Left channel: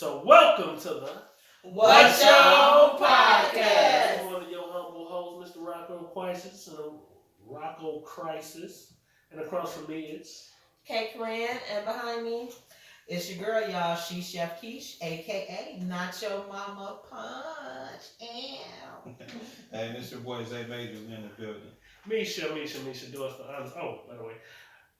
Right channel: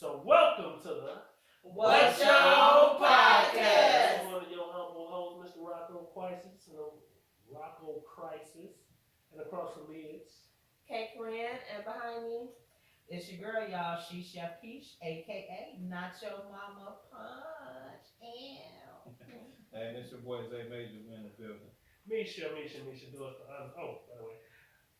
So welcome to the What's Your Podcast? I'm one of your humble hosts, Mr. Rocco Crisis, and Rocco Crisis, and across from me it's K. Corinne, and behind me, it's your girl, y'all. She Chef Keish, aka Nacho Mama Punch. Ew. Hey, this your boy Zay Major in the building. Misha. Do us the honors. Oh, by the way,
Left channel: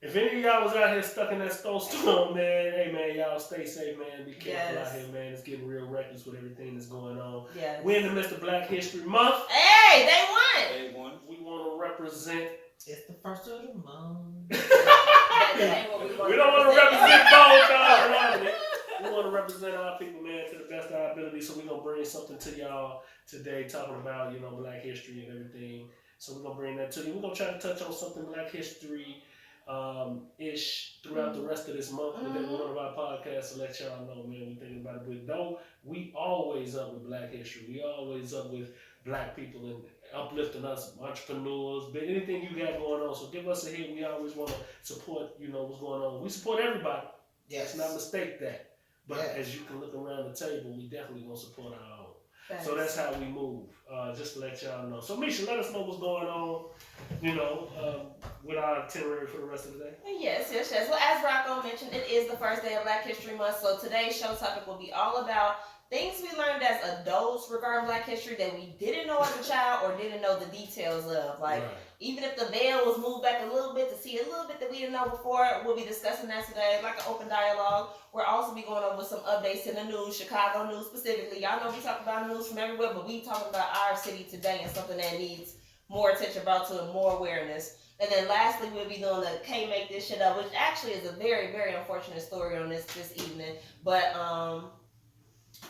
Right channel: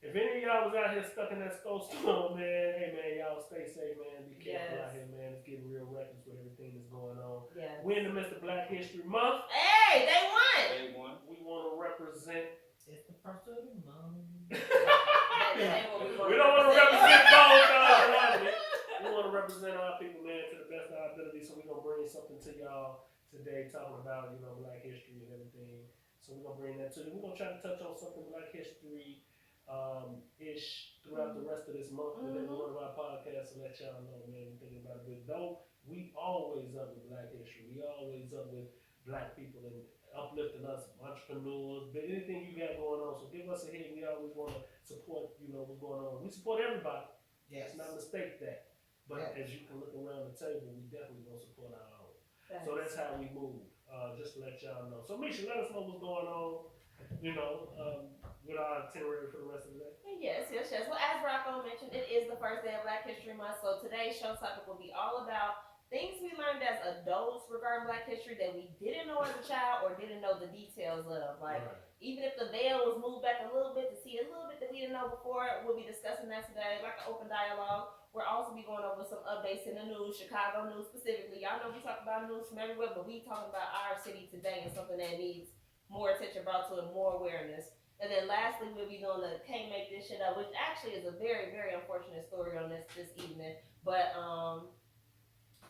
if any of y'all was out here stuck in that snowstorm, man, hey man, y'all stay safe, man. Be careful out here, man. It's getting real reckless with everything that's going on. yes. We're in the midst of Black History Month. Hey, they won. Day one. We want to represent. It's the first of the month. We don't want to represent both, y'all. We want to represent our people, man, to the best of our ability. So we're gonna bring something to y'all today, talking about Black history and everything. So we're gonna bring that to you. We're gonna try to touch on something Black history ish throughout the rest of this month. With every one of our podcasts to let y'all know, man, we're thinking about it. But no, we always up with Black history. We always up with Black people and uplifting us, entrepreneurs, but anything you got going on. So give us a hit. We always want to support, what's going on. We support everybody. Yes. Let's not mistake that. But Yes. as you can look around the table, we definitely gonna support our own. Thanks. So that's how we move. Just to let y'all know. So Misha, let us know what's going on, with our itinerary for the rest of the day. Yes. Well, as Rocco mentioned, it is the first day of Black History Month, so today's show topic will be all about things we learned as adults regarding Black history that we didn't know as a child or didn't know the details of. Like, even if the veil was moved back a little bit to see a little bit that we didn't know before, we'll be discussing that today, like an open dialogue. We'll also be going over some updates in the news, Chicago news specifically. Y'all know we talk about news from everywhere, but we talking about our city today and something that needs more attention brought to it, more awareness. And then lastly, we'll be doing the Can't Make This Shit Up, which actually is a very, very unfortunate story on this evening. But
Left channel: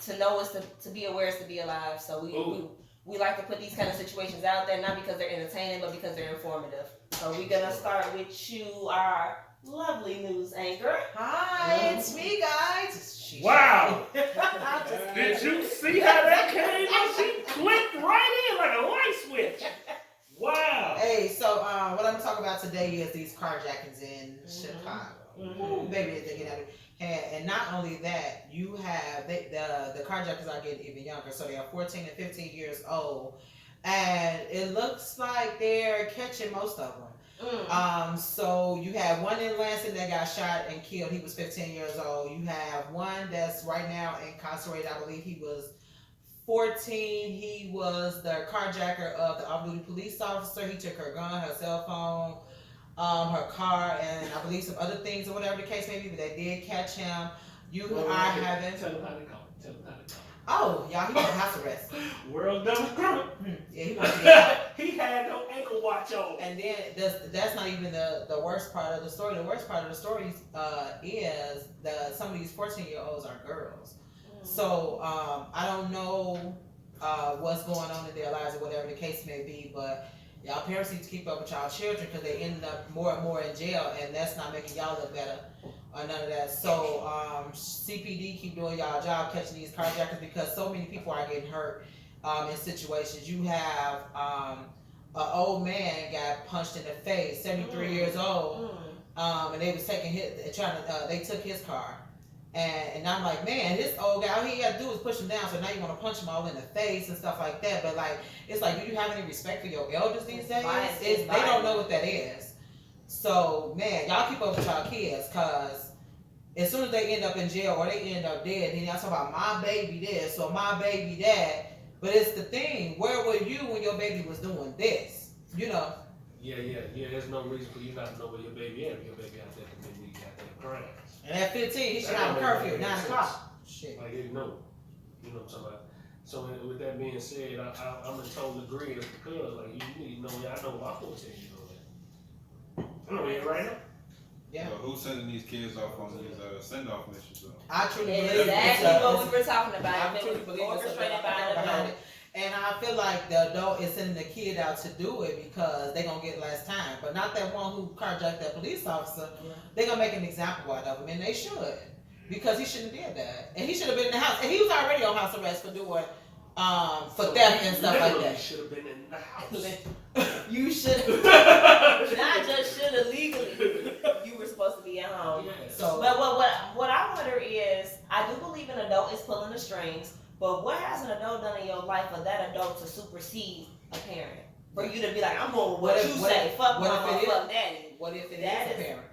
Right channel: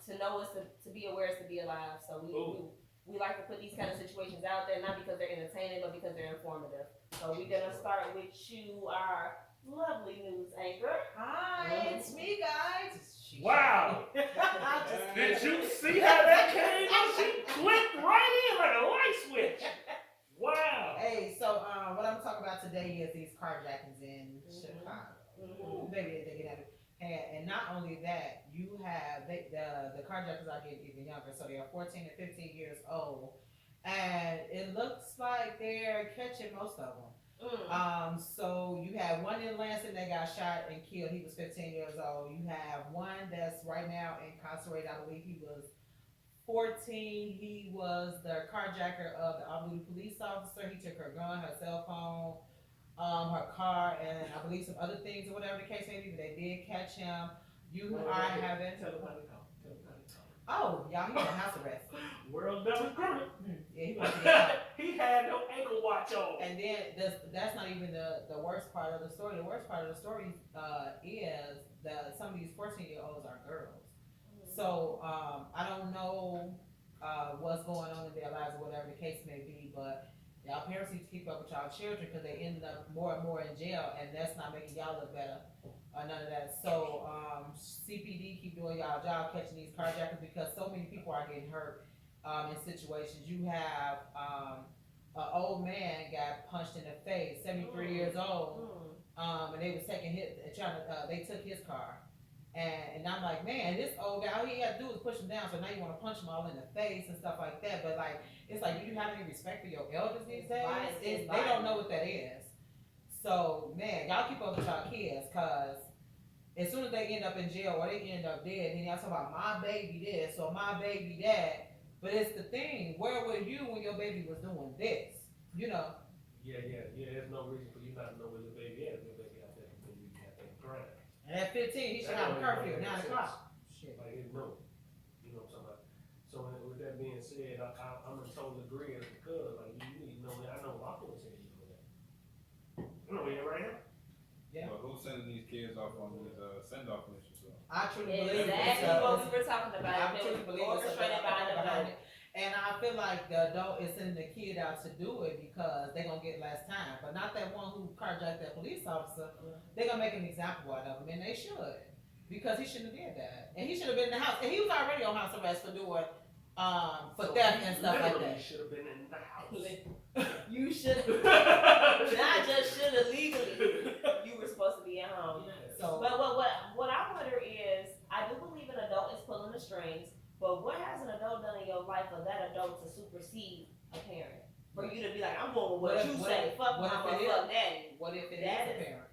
to know is to be aware is to be alive. So we like to put these kind of situations out there, not because they're entertaining, but because they're informative. So we're gonna start with you, our lovely news anchor. Hi, it's me, guys. Wow! Did you see how that came? She clicked right in like a light switch. Wow! Hey, so what I'm talking about today is these carjackings in Chicago. Ooh, baby, they get out of and not only that, you have the carjackers are getting even younger, so they are 14 and 15 years old, and it looks like they're catching most of them. So you have one in Lansing that got shot and killed. He was 15 years old. You have one that's right now incarcerated. I believe he was 14. He was the carjacker of the off-duty police officer. He took her gun, her cell phone, her car, and I believe some other things or whatever the case may be, but they did catch him. You are having... Tell them how they call it. Oh, y'all, he got house arrest. World double criminal. Yeah, he went to get out. He had no ankle watch on. And then that's not even the worst part of the story. The worst part of the story is that some of these 14-year-olds are girls. So I don't know what's going on in their lives or whatever the case may be, but y'all parents need to keep up with y'all children because they end up more and more in jail, and that's not making y'all look better or none of that. So CPD, keep doing y'all job catching these carjackers because so many people are getting hurt in situations. You have an old man got punched in the face, 73 years old, and they was taking they took his car. And I'm like, man, this old guy, all he had to do was push him down, so now you want to punch him all in the face and stuff like that. But like, it's like, do you have any respect for your elders these days? They don't know what that is. So, man, y'all keep up with y'all kids, because as soon as they end up in jail or they end up dead, then y'all talk about my baby this or my baby that. But it's the thing, where were you when your baby was doing this? Yeah. There's no reason for you not to know where your baby is. Your baby out there committing these goddamn crimes. And at 15, he should have a curfew at 9 o'clock. Shit. Like, you know what I'm talking about. So with that being said, I'm in total agreement because, like, you need to know, I know my 14-year-old. I know it right now. Yeah. Well, who's sending these kids off on these send-off missions? I truly believe Exactly what we were talking about. I truly believe it's Orchestrated by the behind adult. it. And I feel like the adult is sending the kid out to do it because they're going to get less time. But not that one who carjacked that police officer. They're going to make an example out of him, and they should. Because he shouldn't have did that. And he should have been in the house. And he was already on house arrest for doing, for theft and stuff like that. He should have been in the house. You should have, not just should have legally. You were supposed to be at home. Yes. So, But what I wonder is, I do believe an adult is pulling the strings, but what has an adult done in your life for that adult to supersede a parent? For you to be like, I'm going with what you say, fuck mama, fuck daddy. What if it That is a is- parent?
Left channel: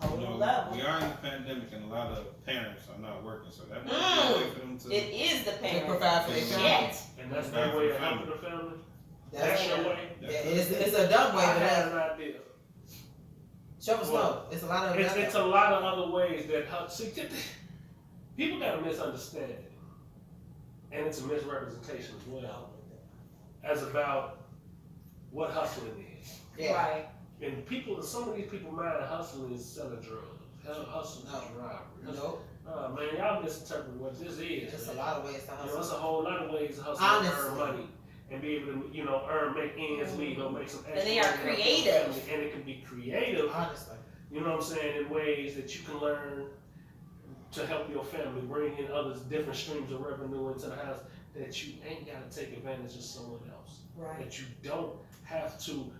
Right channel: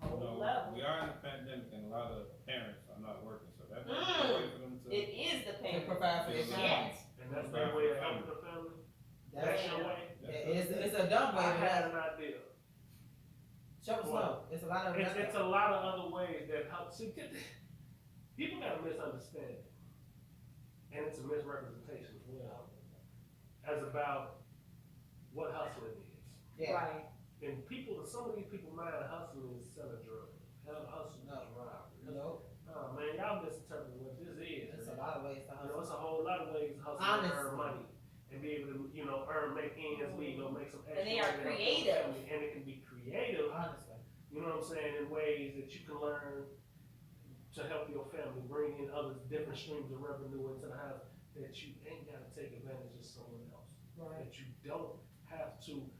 Whole You know, level. we are in a pandemic and a lot of parents are not working, so that might be a way for them to. It is the To parent. provide for their family. Yet. And that's their way of helping the family. That's your way. It's a dumb way, I but had that's an idea. show us no. It's a lot of It's a lot of other ways that see, people got a misunderstanding, and it's a misrepresentation as well, as about what hustling is. yeah. Right. And people, some of these people mind hustling is selling drugs, hustling is robbery. Nope. Man, y'all misinterpret what this is. There's a man. lot of ways to You know, hustle. it's a whole lot of ways to hustle and Honestly. earn money and be able to, you know, make ends meet or make some extra And they are money to help your creative. family. And it can be creative, Honestly. you know what I'm saying, in ways that you can learn to help your family, bring in others, different streams of revenue into the house that you ain't got to take advantage of someone else. Right. That you don't have to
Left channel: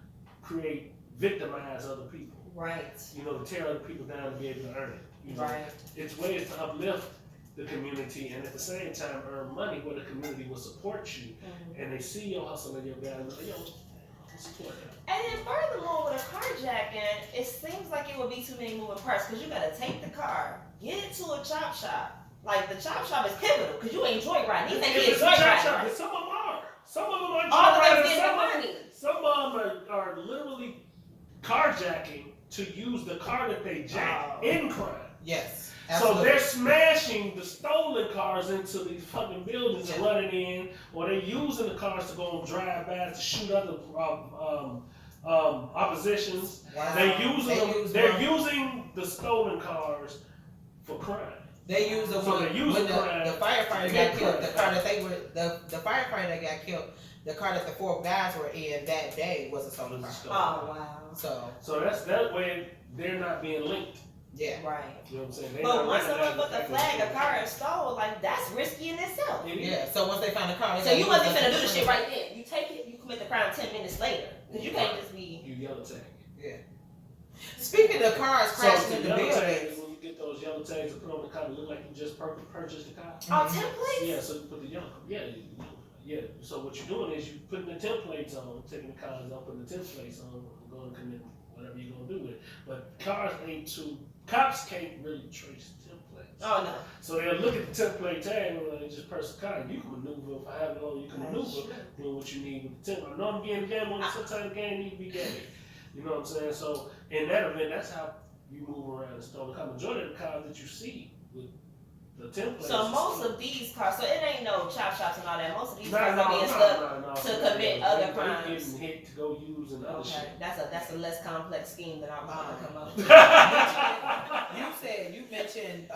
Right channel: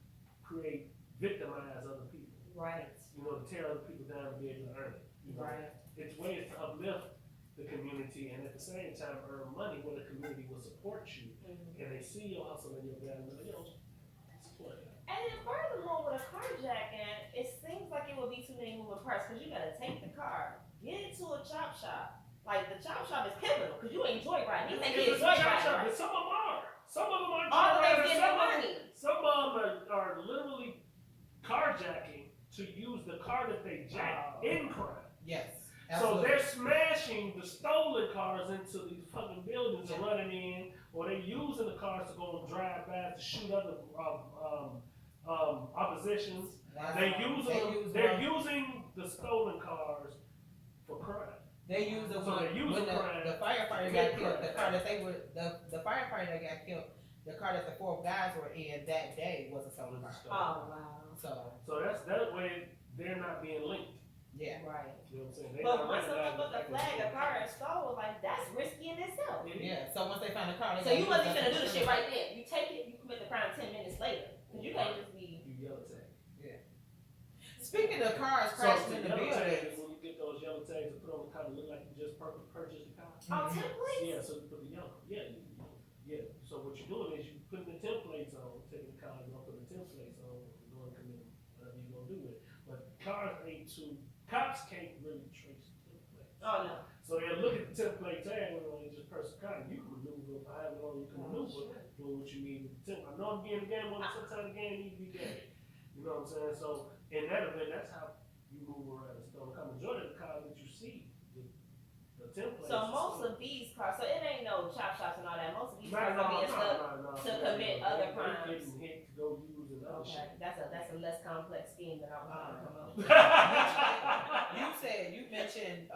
victimize other people. Right. You know, to tear other people down to be able to earn it. You know? Right. It's ways to uplift the community and at the same time earn money where the community will support you and they see your hustle and your value. Like, yo, support that. And then furthermore, with a carjacking, it seems like it would be too many moving parts because you gotta take the car, get it to a chop shop. Like the chop shop is pivotal because you ain't joyriding. You think It's it's a chop joyriding, shop, right? but some of them are. Some of them are All the way joyriding, getting the money. some of them are literally carjacking to use the car that they jacked in crime. Yes. So Absolutely. they're smashing the stolen cars into these fucking buildings and running in, or they're using the cars to go and drive by to shoot other oppositions. Wow. They're using the stolen cars for crime. They use them So they use when the crime the firefighter to got get killed. crime. The car that they were the firefighter that got killed. The car that the 4 guys were in that day was a stolen car. Oh wow. So that's that way they're not being linked. yeah. Right. You know what I'm saying? They're But not once someone recognizing put the fact flag, that a car is stolen, like that's risky in itself. it is. Yeah. So once they found the car, they So got you to wasn't use finna do that the shit right then. You take it, you commit the crime 10 minutes later. Cause you can't just be. You yellow tag. Speaking of cars So crashing the in the yellow buildings, tags, when you get those yellow tags to put on the car, it look like you just purchased the car. Oh, templates? Yeah, so you put the yellow, yeah. So what you're doing is you putting the templates on, taking the cars off, putting the templates on, going to commit whatever you're gonna do with it. But cops can't really trace templates. Oh no. So they'll look at the template tag and they just press the car. You can maneuver, if I have it on, you can maneuver, doing what you need with the template. I know I'm getting the game on, sometimes the game need to be game. You know what I'm saying? So in that event, that's how you move around and stolen car. Majority of the cars that you see with the templates. So most of these cars, so it ain't no chop shops and all that. Most of these No, cars are being stuck. to commit other They crimes. getting hit to go use and other Okay, that's a less complex scheme than I was gonna come up with. shit. you mentioned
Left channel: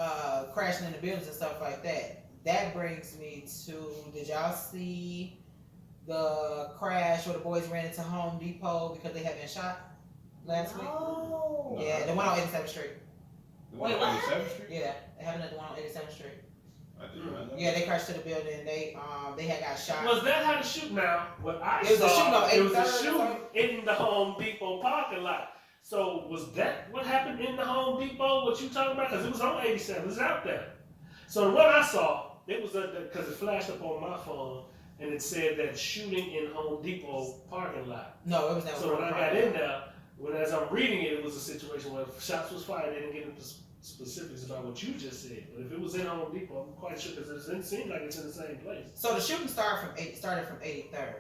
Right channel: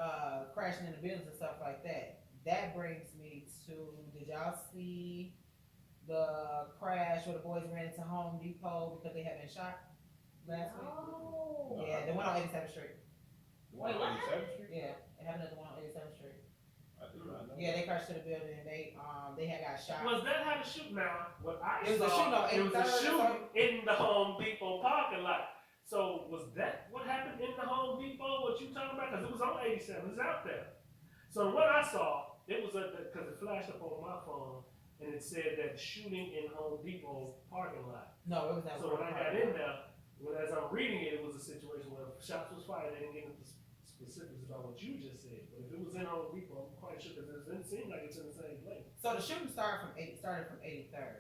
crashing in the buildings and stuff like that. That brings me to, did y'all see the crash where the boys ran into Home Depot because they had been shot last week? Oh. Yeah, the one on 87th Street. The one Wait, on what? 87th Street? Yeah, it happened at the one on 87th Street. I didn't know. Yeah, they crashed to the building. They had got shot. Was that how the shoot now? What I It was a saw, shooting on it was a 83rd or shooting something? in the Home Depot parking lot. So was that what happened in the Home Depot? What you talking about? Because it was on 87. It was out there. So what I saw, it was because it flashed up on my phone and it said that shooting in Home Depot parking lot. No, it was never. So when I got in there, as I'm reading it, it was a situation where shots was fired. They didn't get into specifics about what you just said. But if it was in Home Depot, I'm quite sure because it seems like it's in the same place. So the shooting started from 83rd,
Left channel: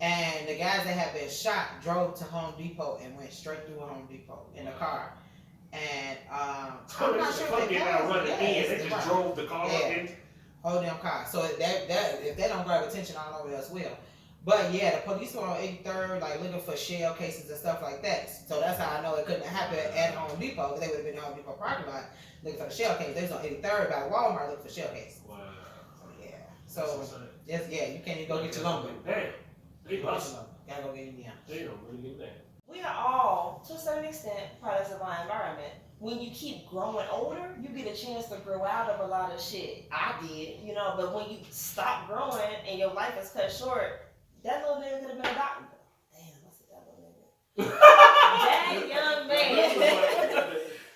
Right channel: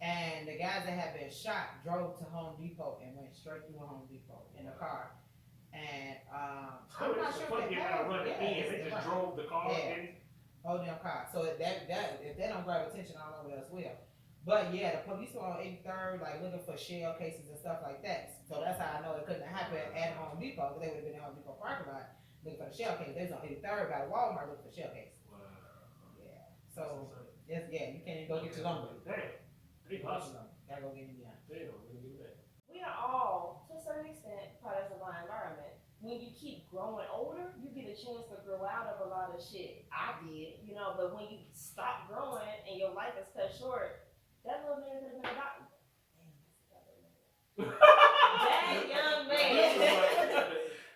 and the guys that had been shot drove to Home Depot and went straight through Home Depot in a car. And I'm not sure if they out running in. They just right. drove the car Yeah. in. Whole damn car. So that if they don't grab attention, all over else will. But yeah, the police were on 83rd, like looking for shell cases and stuff like that. So that's how I know it couldn't happen at Home Depot, because they would have been in Home Depot parking lot looking for the shell case. They was on 83rd by Walmart looking for shell case. Wow. Yeah. So yes, yeah, you can't even go get your lumber. Damn. They busting. Gotta go get it now. They don't really give that. We are all, to a certain extent, products of our environment. When you keep growing older, you get a chance to grow out of a lot of shit. I did, but when you stop growing and your life is cut short, that little nigga could have been a doctor. Damn, I said that little nigga. That young man,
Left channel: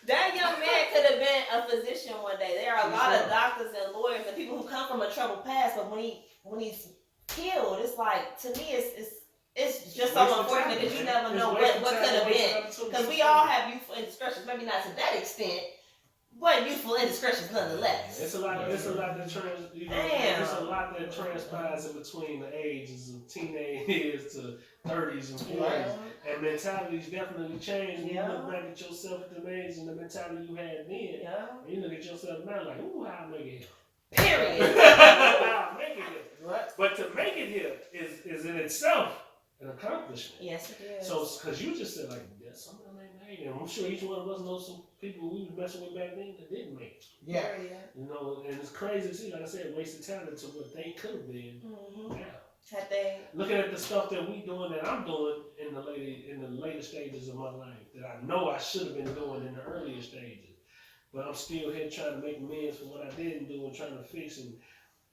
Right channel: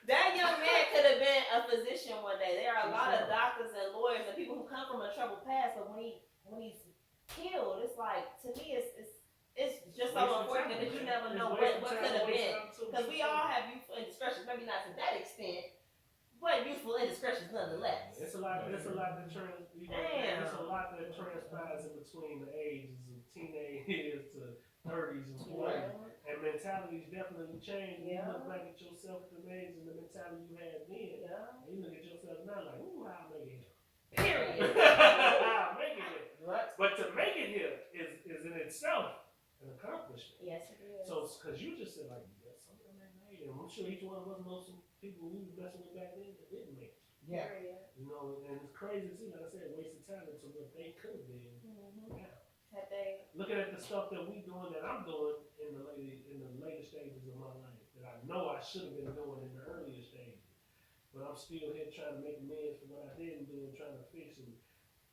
that young man could have been a physician one day. There are a lot of doctors and lawyers and people who come from a troubled past, but when he's killed, it's like, to me, it's just so unfortunate because you never know what could have been. Because we all have youthful indiscretions, maybe not to that extent, but youthful indiscretions nonetheless. It's a lot that it's a lot that transpires in between the ages of teenage years to 30s and 40s. And mentalities definitely change when you look back at yourself at the age and the mentality you had then. Yeah. And you look at yourself now like, ooh, how I make it here. Period. How I make it here. Right. But to make it here is in itself an accomplishment. Yes, it is. So, because you just said, like, yeah, some of them ain't made it. And I'm sure each one of us knows some people we was messing with back then that didn't make it. Yeah. You know, and it's crazy to see, like I said, wasted talent to what they could have been now. Had they? Looking at the stuff that we doing, that I'm doing in the later stages of my life, that I know I should have been doing in the earlier stages, but I'm still here trying to make amends for what I didn't do and trying to fix and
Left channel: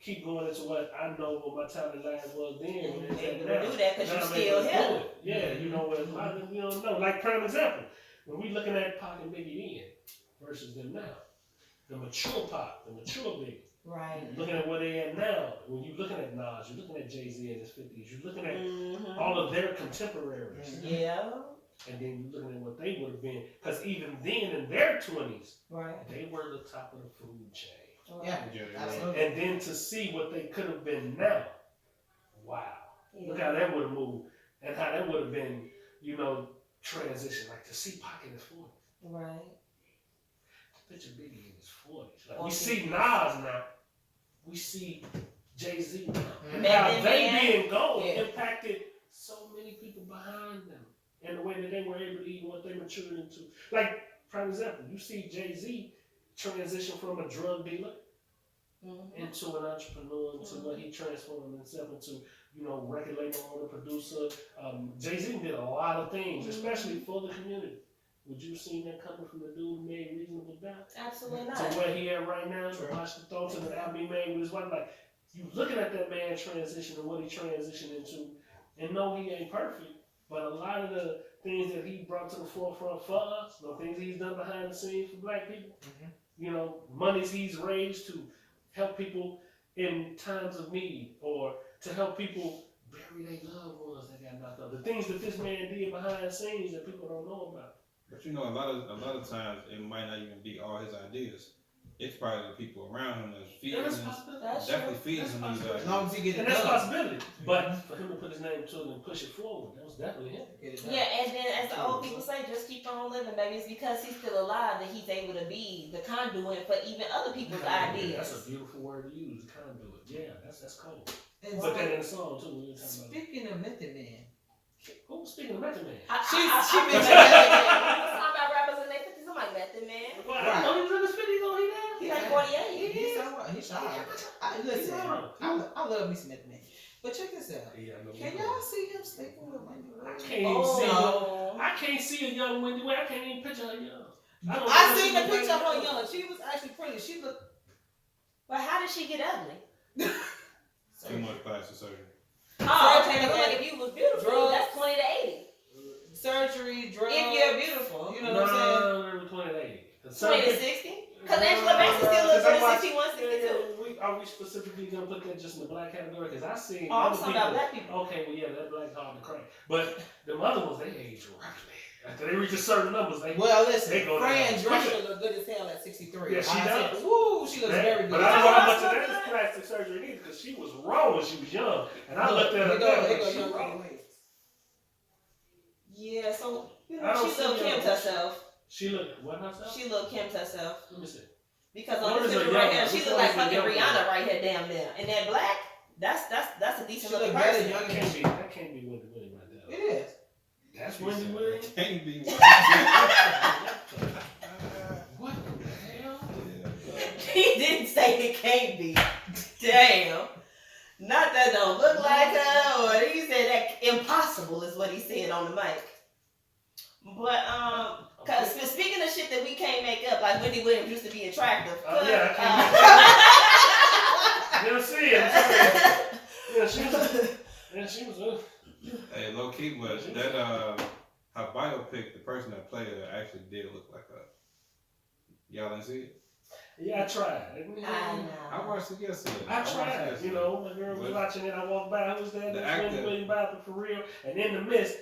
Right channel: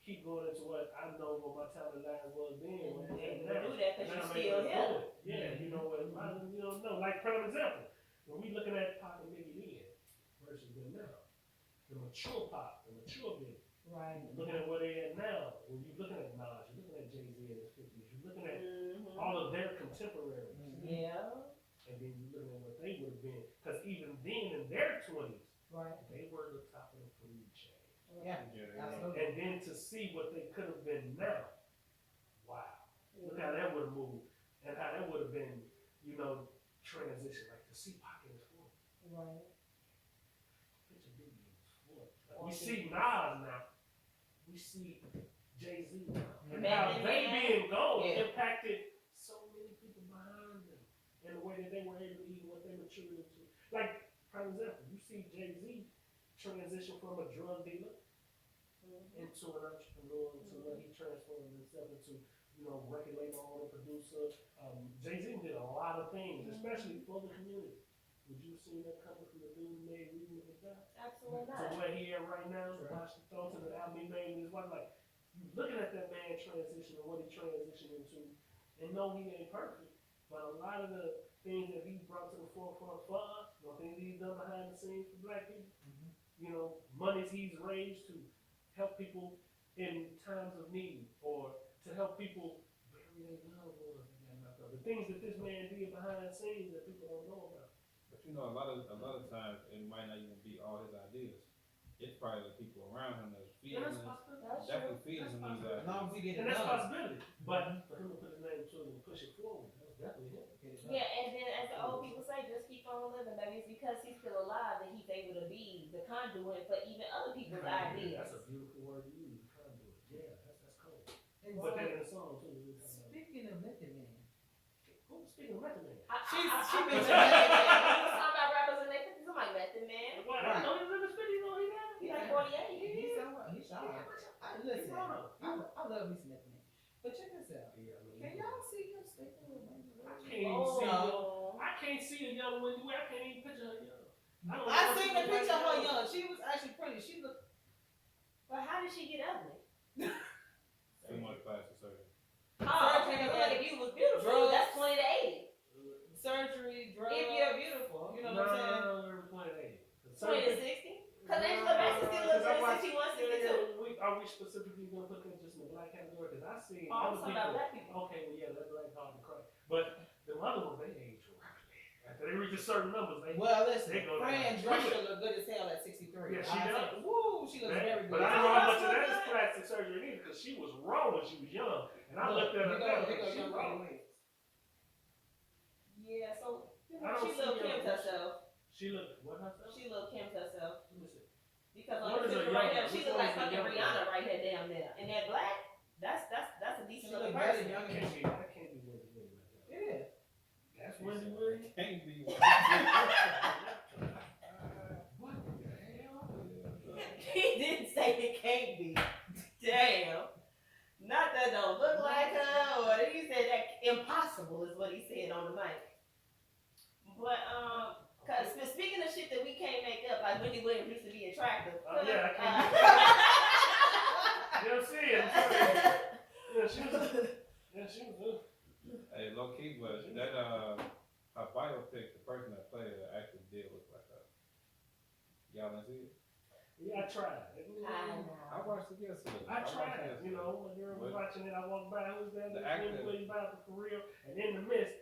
keep going into what I know what my talent life was then. And And able to do that because you're still here. Yeah, you know what? A lot of them you don't know. Like prime example, when we looking at Pac and Biggie then versus them now, the mature Pac, the mature Biggie. Right. Looking at where they at now, when you're looking at Nas, you're looking at Jay-Z in his 50s, you're looking at all of their contemporaries. Yeah. And then you're looking at what they would have been. Because even then, in their 20s, Right. they were the top of the food chain. Yeah. Absolutely. And then to see what they could have been now, wow. Look how that would have moved. And how that would have been, you know, transition. Like to see Pac in his 40s. Right. Picture Biggie in his 40s. Like we see Nas now. We see Jay-Z now. And how they being gone impacted so many people behind them. And the way that they were able to eat what they matured into. Like, for example, you see Jay-Z transition from a drug dealer into an entrepreneur, into what he transformed himself into, you know, record label owner, producer. Jay-Z did a lot of things, especially for the community. Would you have seen that coming from the dude who made Reasonable Doubt? Absolutely not. To where he at right now, to watch the thoughts of the album he made with his wife. Like, you looking at that man transition and what he transitioned into, and no, he ain't perfect, but a lot of the things that he brought to the forefront for us, the things he's done behind the scenes for black people, you know, monies he's raised to help people in times of need, or to help people bury their loved ones that got knocked up. The things that this man did behind the scenes that people don't know about. But you know, a lot of times it might not even be all his ideas. It's probably the people around him that's feeding him. Definitely feeding him these ideas. As long as he gets it and that's a done. possibility. But for him to put his name to it and push it forward, that was definitely him. Yeah, and then as the old people say, just keep on living, baby. It's because he's still alive that he's able to be the conduit for even other people's ideas. That's a beautiful word to use, conduit. Yeah, that's cool. And Put that in the song too. We were talking about. speaking of Method Man, Who's speaking of Method Man? she been been talking about rappers in their 50s. I'm like, Method Man. Well, I know he's in his 50s, though. He's like 48. He's shy. Listen, I love me some Method Man. But check this out. Yeah, Can y'all see him sleeping with Wendy I Williams? can't even see. I can't see a young Wendy. I can't even picture her young. I seen the picture of her young. She was actually pretty. She looked. But how did she get ugly? Too much plastic surgery. Oh, okay. Look, if you was beautiful, Drugs. that's 20 to 80. Surgery, drugs. If you're beautiful. You know what I'm saying? 20 to 80. 20 to 60? Because Angela Bassett still looks good at 61, 62. Are we specifically going to put that just in the black category? Because I see. Oh, I'm talking about black people. Okay, well, yeah, that black's hard to crack. But the other ones, they age rapidly. After they reach a certain numbers, they. Well, listen, they go Fran down. Drescher look good as hell at 63. Yeah, she does. Woo, she looks very good. But I don't know how much of that is plastic surgery either, because she was raw when she was young. And I looked at her now, she was raw. Yeah, so, you I know, don't she looked see her. Kim to herself. She looked, what herself? She looked Kim to herself. Let me see. Because What on is this a picture right young here, one? she Which look one like is a fucking young one? Rihanna right here down there. And that black, that's a decent She look looking better person. young That can't be Wendy Williams right there. It is. That's Wendy Williams? Can't be. What the hell? He didn't say it can't be. Damn. Not that don't look like her, or he said that impossible is what he said on the mic. But cause speaking of shit that we can't make up, like Wendy Williams used to be attractive. Yeah, you don't see it. Yeah, she was. Hey, low key, but that her biopic, the person that played her actually did look like her. Y'all didn't see tried. I know. I watched it yesterday. I watched it tried. yesterday. You know, my girl was watching it. I walked by. Who was that? The actor. William Bobby for real. And in the midst,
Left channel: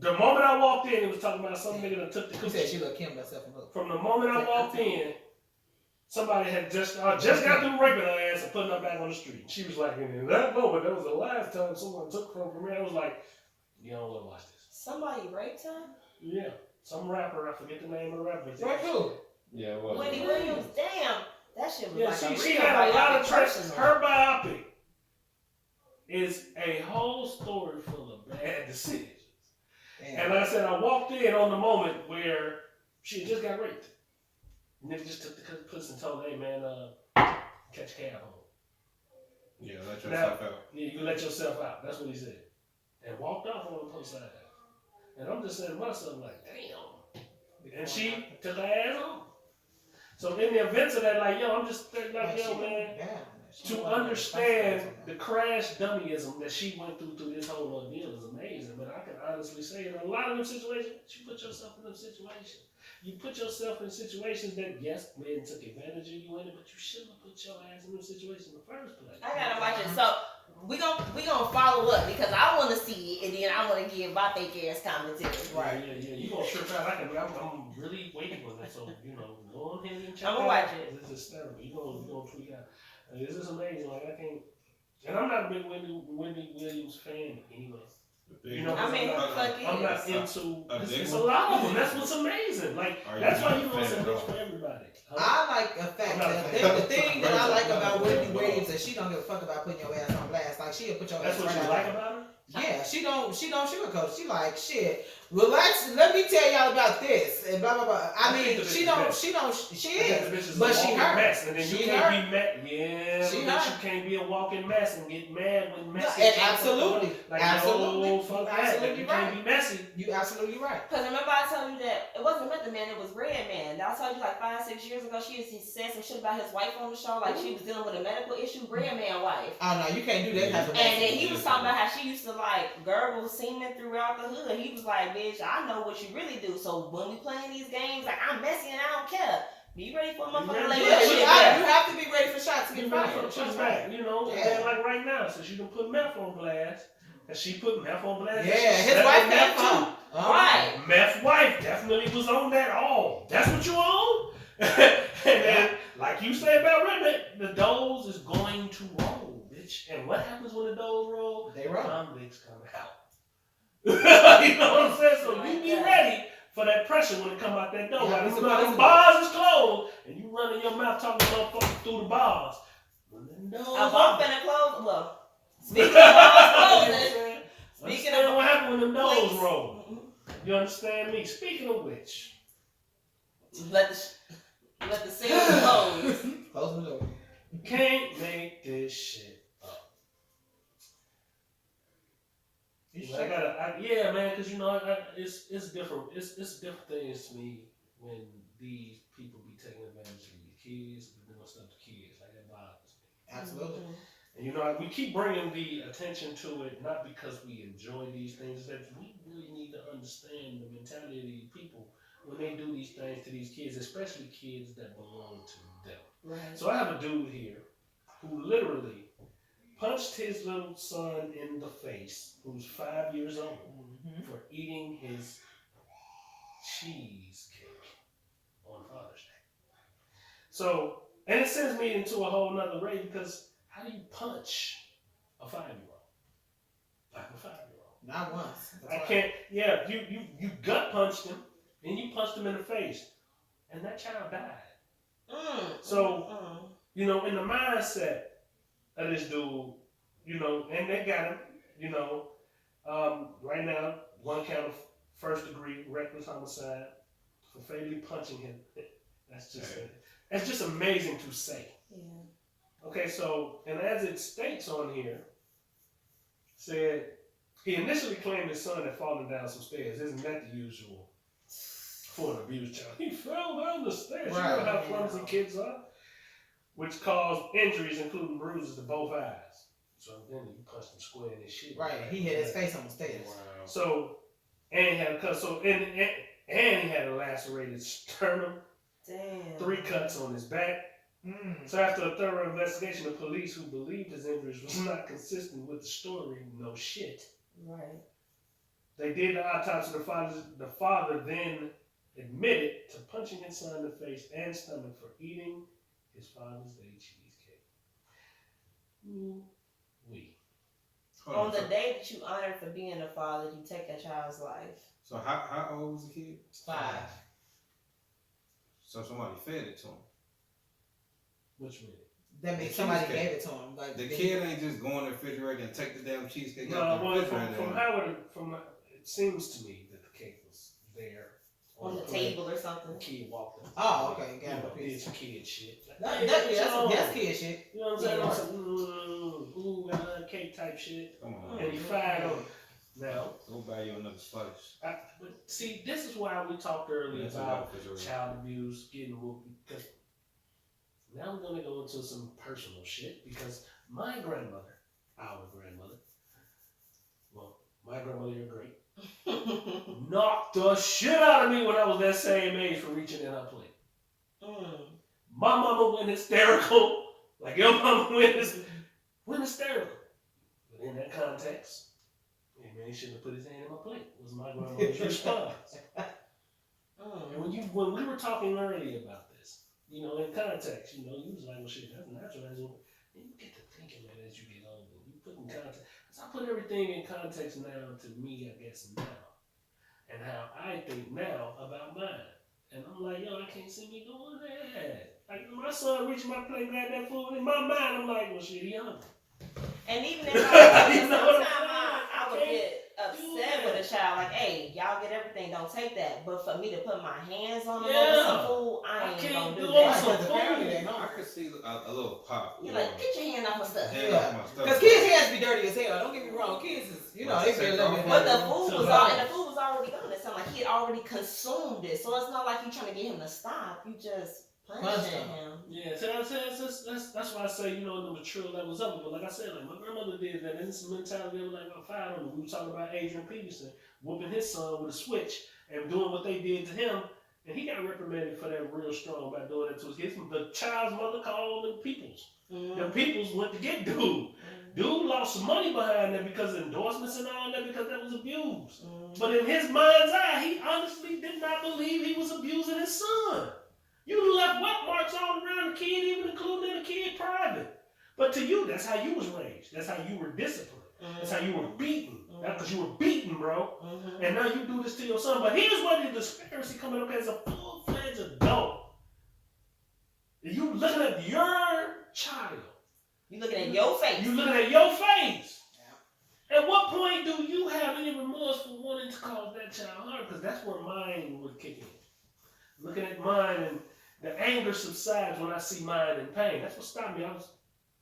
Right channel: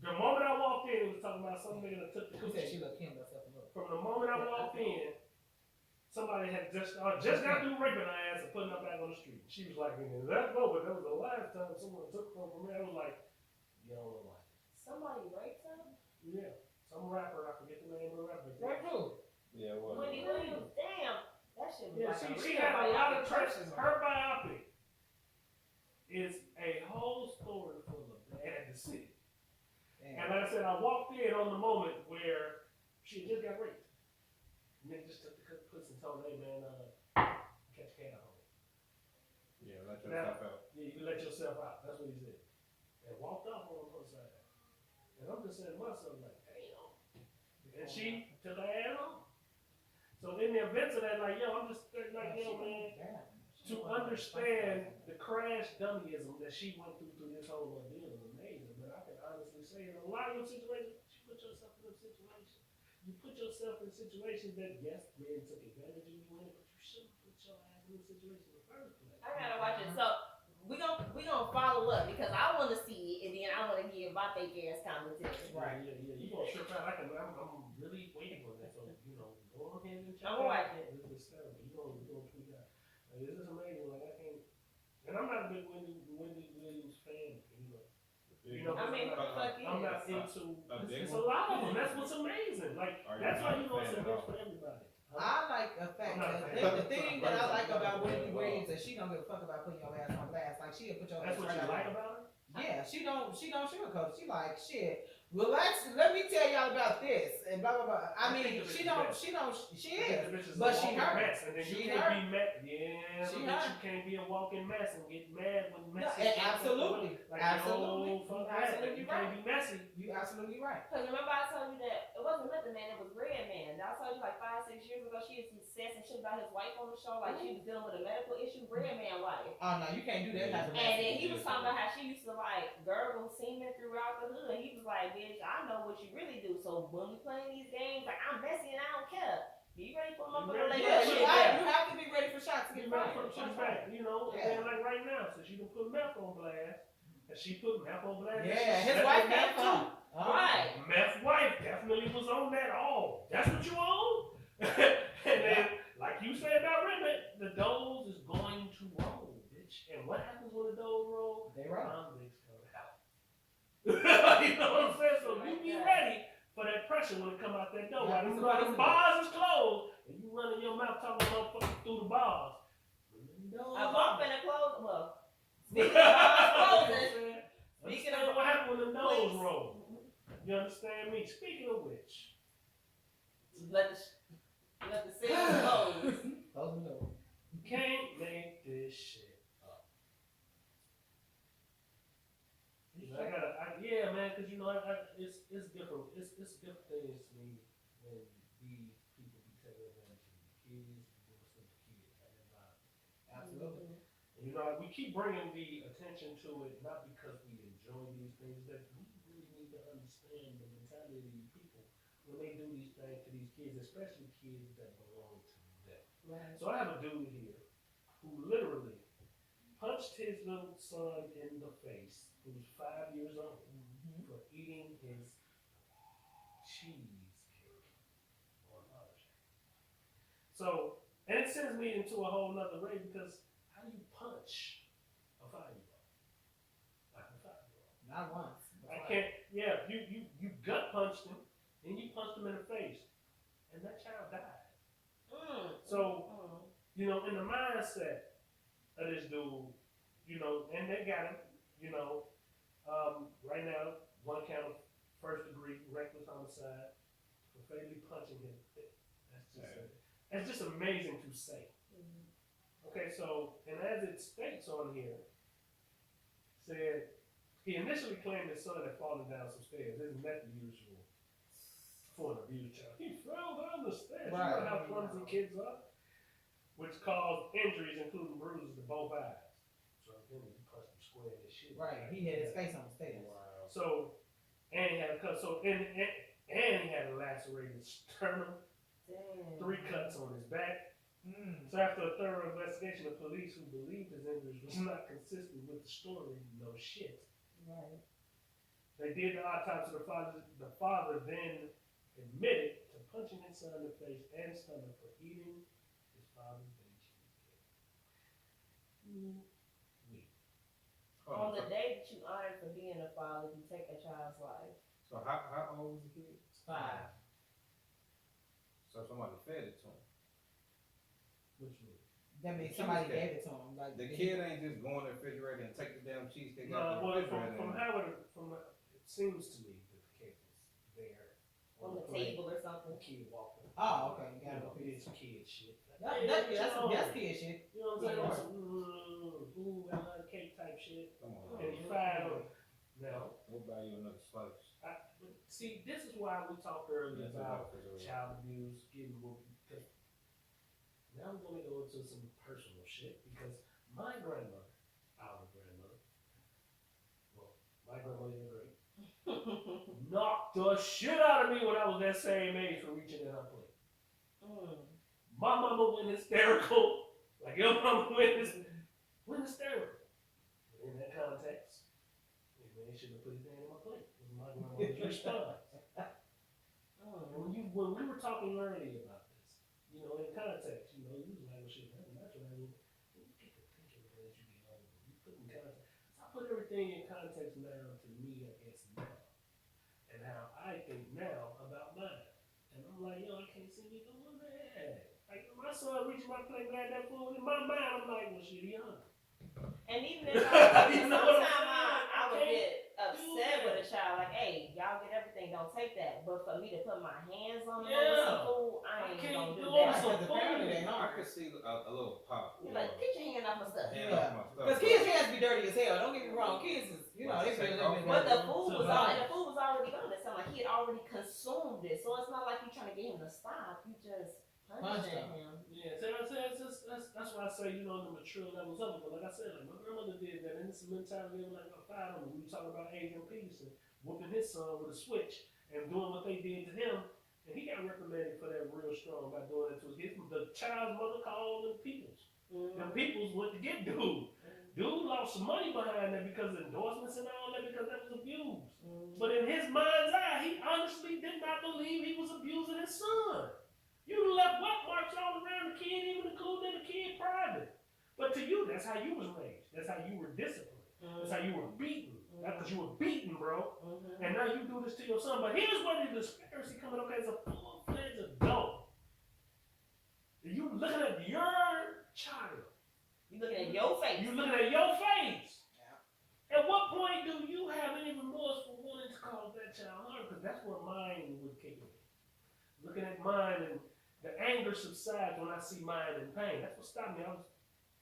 the moment I walked in, it was talking about some nigga that took the Who said she coochie. looked Kim herself and look? From the moment I walked in, somebody had just got through raping her ass and putting her back on the street. She was like, in that moment, that was the last time someone took from me. I was like, you don't want to watch this. Somebody raped her? Yeah. Some rapper, I forget the name of the rapper. Right, who? Yeah, it was. Wendy Williams. Damn. That shit was Yeah, like she a had a lot of tracks. personal. Her biopic is a whole story full of bad decisions. Damn. And like I said, I walked in on the moment where she had just got raped. Nigga just took the pussy and told her, hey man, catch a cab home. Yeah, let yourself out. Yeah, you can let yourself out. That's what he said. And walked off on the post side. And I'm just saying to myself, like, damn. And she took her ass home. So in the events of that, like, yo, I'm just like, yo, man, to understand the crash dummyism that she went through this whole ordeal is amazing. But I can honestly say, in a lot of them situations, you put yourself in them situations. You put yourself in situations that, yes, men took advantage of you in it, but you shouldn't have put your ass in them situations in the first place. I gotta watch it. So we gonna follow up because I want to see it and then I want to give my fake ass commentary. Right. Yeah. You gonna trip out? I'm really waiting for that. So go ahead and check. I'm gonna watch it. This is hysterical. You gonna tweet out. This is amazing. Like I can't. And I'm not a big Wendy Williams fan anyway. I mean, who the fuck is? I'm not into. It's a one? lot of them. That's what's amazing. Like that's why you know it's a bitch for everybody. I like the fact that the thing that I like about Wendy Williams is she don't give a fuck about putting your ass on blast. Like she'll put your That's ass what right you out. like about her. Yeah, she don't sugarcoat. She like shit. Relax. Let me tell y'all about this and blah blah blah. I mean, she is, but she hurt. Mess, and then you She can't hurt. be mad. Yeah, She but hurt. you can't be a walking mess and get mad when messy. And absolutely, Like, absolutely, no, fuck that. absolutely You right. can't be messy. You absolutely right. Because remember I told you that it wasn't Method Man, it was Red Man. I told you like 5-6 years ago he said some shit about his wife on the show, like she was dealing with a medical issue. Red Man wife. Oh no, you can't do that type of And then he was talking about how she used to like gurgle semen throughout the hood. He was like, bitch, I know what you really do. So when we playing these games, like I'm messy and I don't care. Be ready for a motherfucker like Yeah, that you shit back. have to be ready for shots to You get ready fired. for the push back, And then like right now, since you can put meth on blast, and she put meth on blast. Yeah, she his slept wife with had meth fun. too. Right. Meth wife definitely was on that all. That's what you own? And then, like you say about Redneck, the doze is going to roll, bitch. And what happens when the doze roll? They roll. Convicts come out. You know what I'm saying? So you be ready for that pressure when it come out that door. Yeah, Like, it's when about- the bars is closed, and you running your mouth talking to motherfuckers through the bars. I walked in the clothes. Well, speaking of bars closing, Speaking of what happened when the nose Please. roll. You understand me? Speaking of which, let the sales close. Close the door. you can't make this shit up. Yeah, man, because it's different. It's different things to me when these people be taking advantage of your kids and doing stuff to kids. Like that bothers me. Absolutely. And we keep bringing the attention to it, not because we enjoy these things, that we really need to understand the mentality of these people when they do these things to these kids, especially kids that belong to them. Right. So I have a dude here who literally punched his little son in the face, who's 5 years old, for eating his cheesecake on Father's Day. So, and it sends me into a whole nother rage because how do you punch a 5-year-old? Like a 5-year-old. Not once. I can't. Yeah, you gut punched him, and you punched him in the face, and that child died. So in the mindset of this dude, and they got him, right now, one count of first-degree reckless homicide for fatally punching him. That's just amazing to say. Yeah. Okay, so, and as it states on here, said he initially claimed his son had fallen down some stairs. Isn't that the usual for an abused child? He fell down the stairs. Right. You know how clumsy kids are? Which caused injuries, including bruises to both eyes. So then he punched him square in his shit. Right. He hit his face on the stairs. Wow. So, and he had a cut. So, and he had a lacerated sternum, Damn. 3 cuts on his back, So after a thorough investigation, the police, who believed his injuries was not consistent with the story, no shit. Right. They did the autopsy. The father then admitted to punching his son in the face and stomach for eating his Father's Day cheesecake. We. On the day that you honored for being a father, you take a child's life. So how old was the kid? 5. So somebody fed it to him. Which means? That means somebody gave it to him. Like the kid ain't just go in the refrigerator and take the damn cheesecake No, out the well, refrigerator. it seems to me that the cake was there On the table or something. The kid walked in. Oh, okay, got it. Did some kid shit. That's kid shit. You know what I'm saying? Ooh, I love cake type shit. Come on. And he fired on. Now, go buy you another slice. But see, this is why we talked earlier about child abuse, getting whooped. Because now we're going to go into some personal shit. Because my grandmother, well, my grandmother, you're great, knocked the shit out of me when I was that same age for reaching in her plate. My mama went hysterical, like your mama went hysterical. But in that context, man, he shouldn't have put his hand in my plate. Was my grandmother's response. And when we were talking earlier about this, in context, you was like, well, shit, that's natural. And you get to thinking, man, as you get older, you put in context. So I put everything in context now to me, I guess, now. And how I think now about mine. And I'm like, yo, I can't see me doing that. Like, my son reaching my plate, grab that food, in my mind, I'm like, well, shit, he hungry. And even if sometimes I would get upset with a child, like, hey, y'all get everything, don't take that. But for me to put my hands on them over some food, I ain't gonna do that. I could see a little pop. You're like, get your hand off my stuff. Because kids' hands be dirty as hell. Don't get me wrong. Kids is, they be a little bit. But the food was already gone. It sounded like he had already consumed it. So it's not like you're trying to get him to stop. You just punch him. Yeah, so that's why I say, the mature levels of it. But like I said, like my grandmother did that, and it's a mentality of like I fired on. We were talking about Adrian Peterson whooping his son with a switch and doing what they did to him, and he got reprimanded for that real strong by doing it to his kids. The child's mother called them peoples. The peoples went to get dude. Dude lost some money behind that because of endorsements and all that, because that was abuse. But in his mind's eye, he honestly did not believe he was abusing his son. You left wet marks all around the kid, even including the kid private. But to you, that's how you was raised. That's how you were disciplined. That's how you were beaten. That's because you were beaten, bro. And now you do this to your son. But here's where the disparity coming up as a full-fledged adult. You looking at your child. You looking at your face. You looking at your face. Yeah. At what point do you have any remorse for wanting to cause that child harm? Because that's where mine would kick in. Looking at mine, and the anger subsides when I see mine in pain. That's what stopped me. I was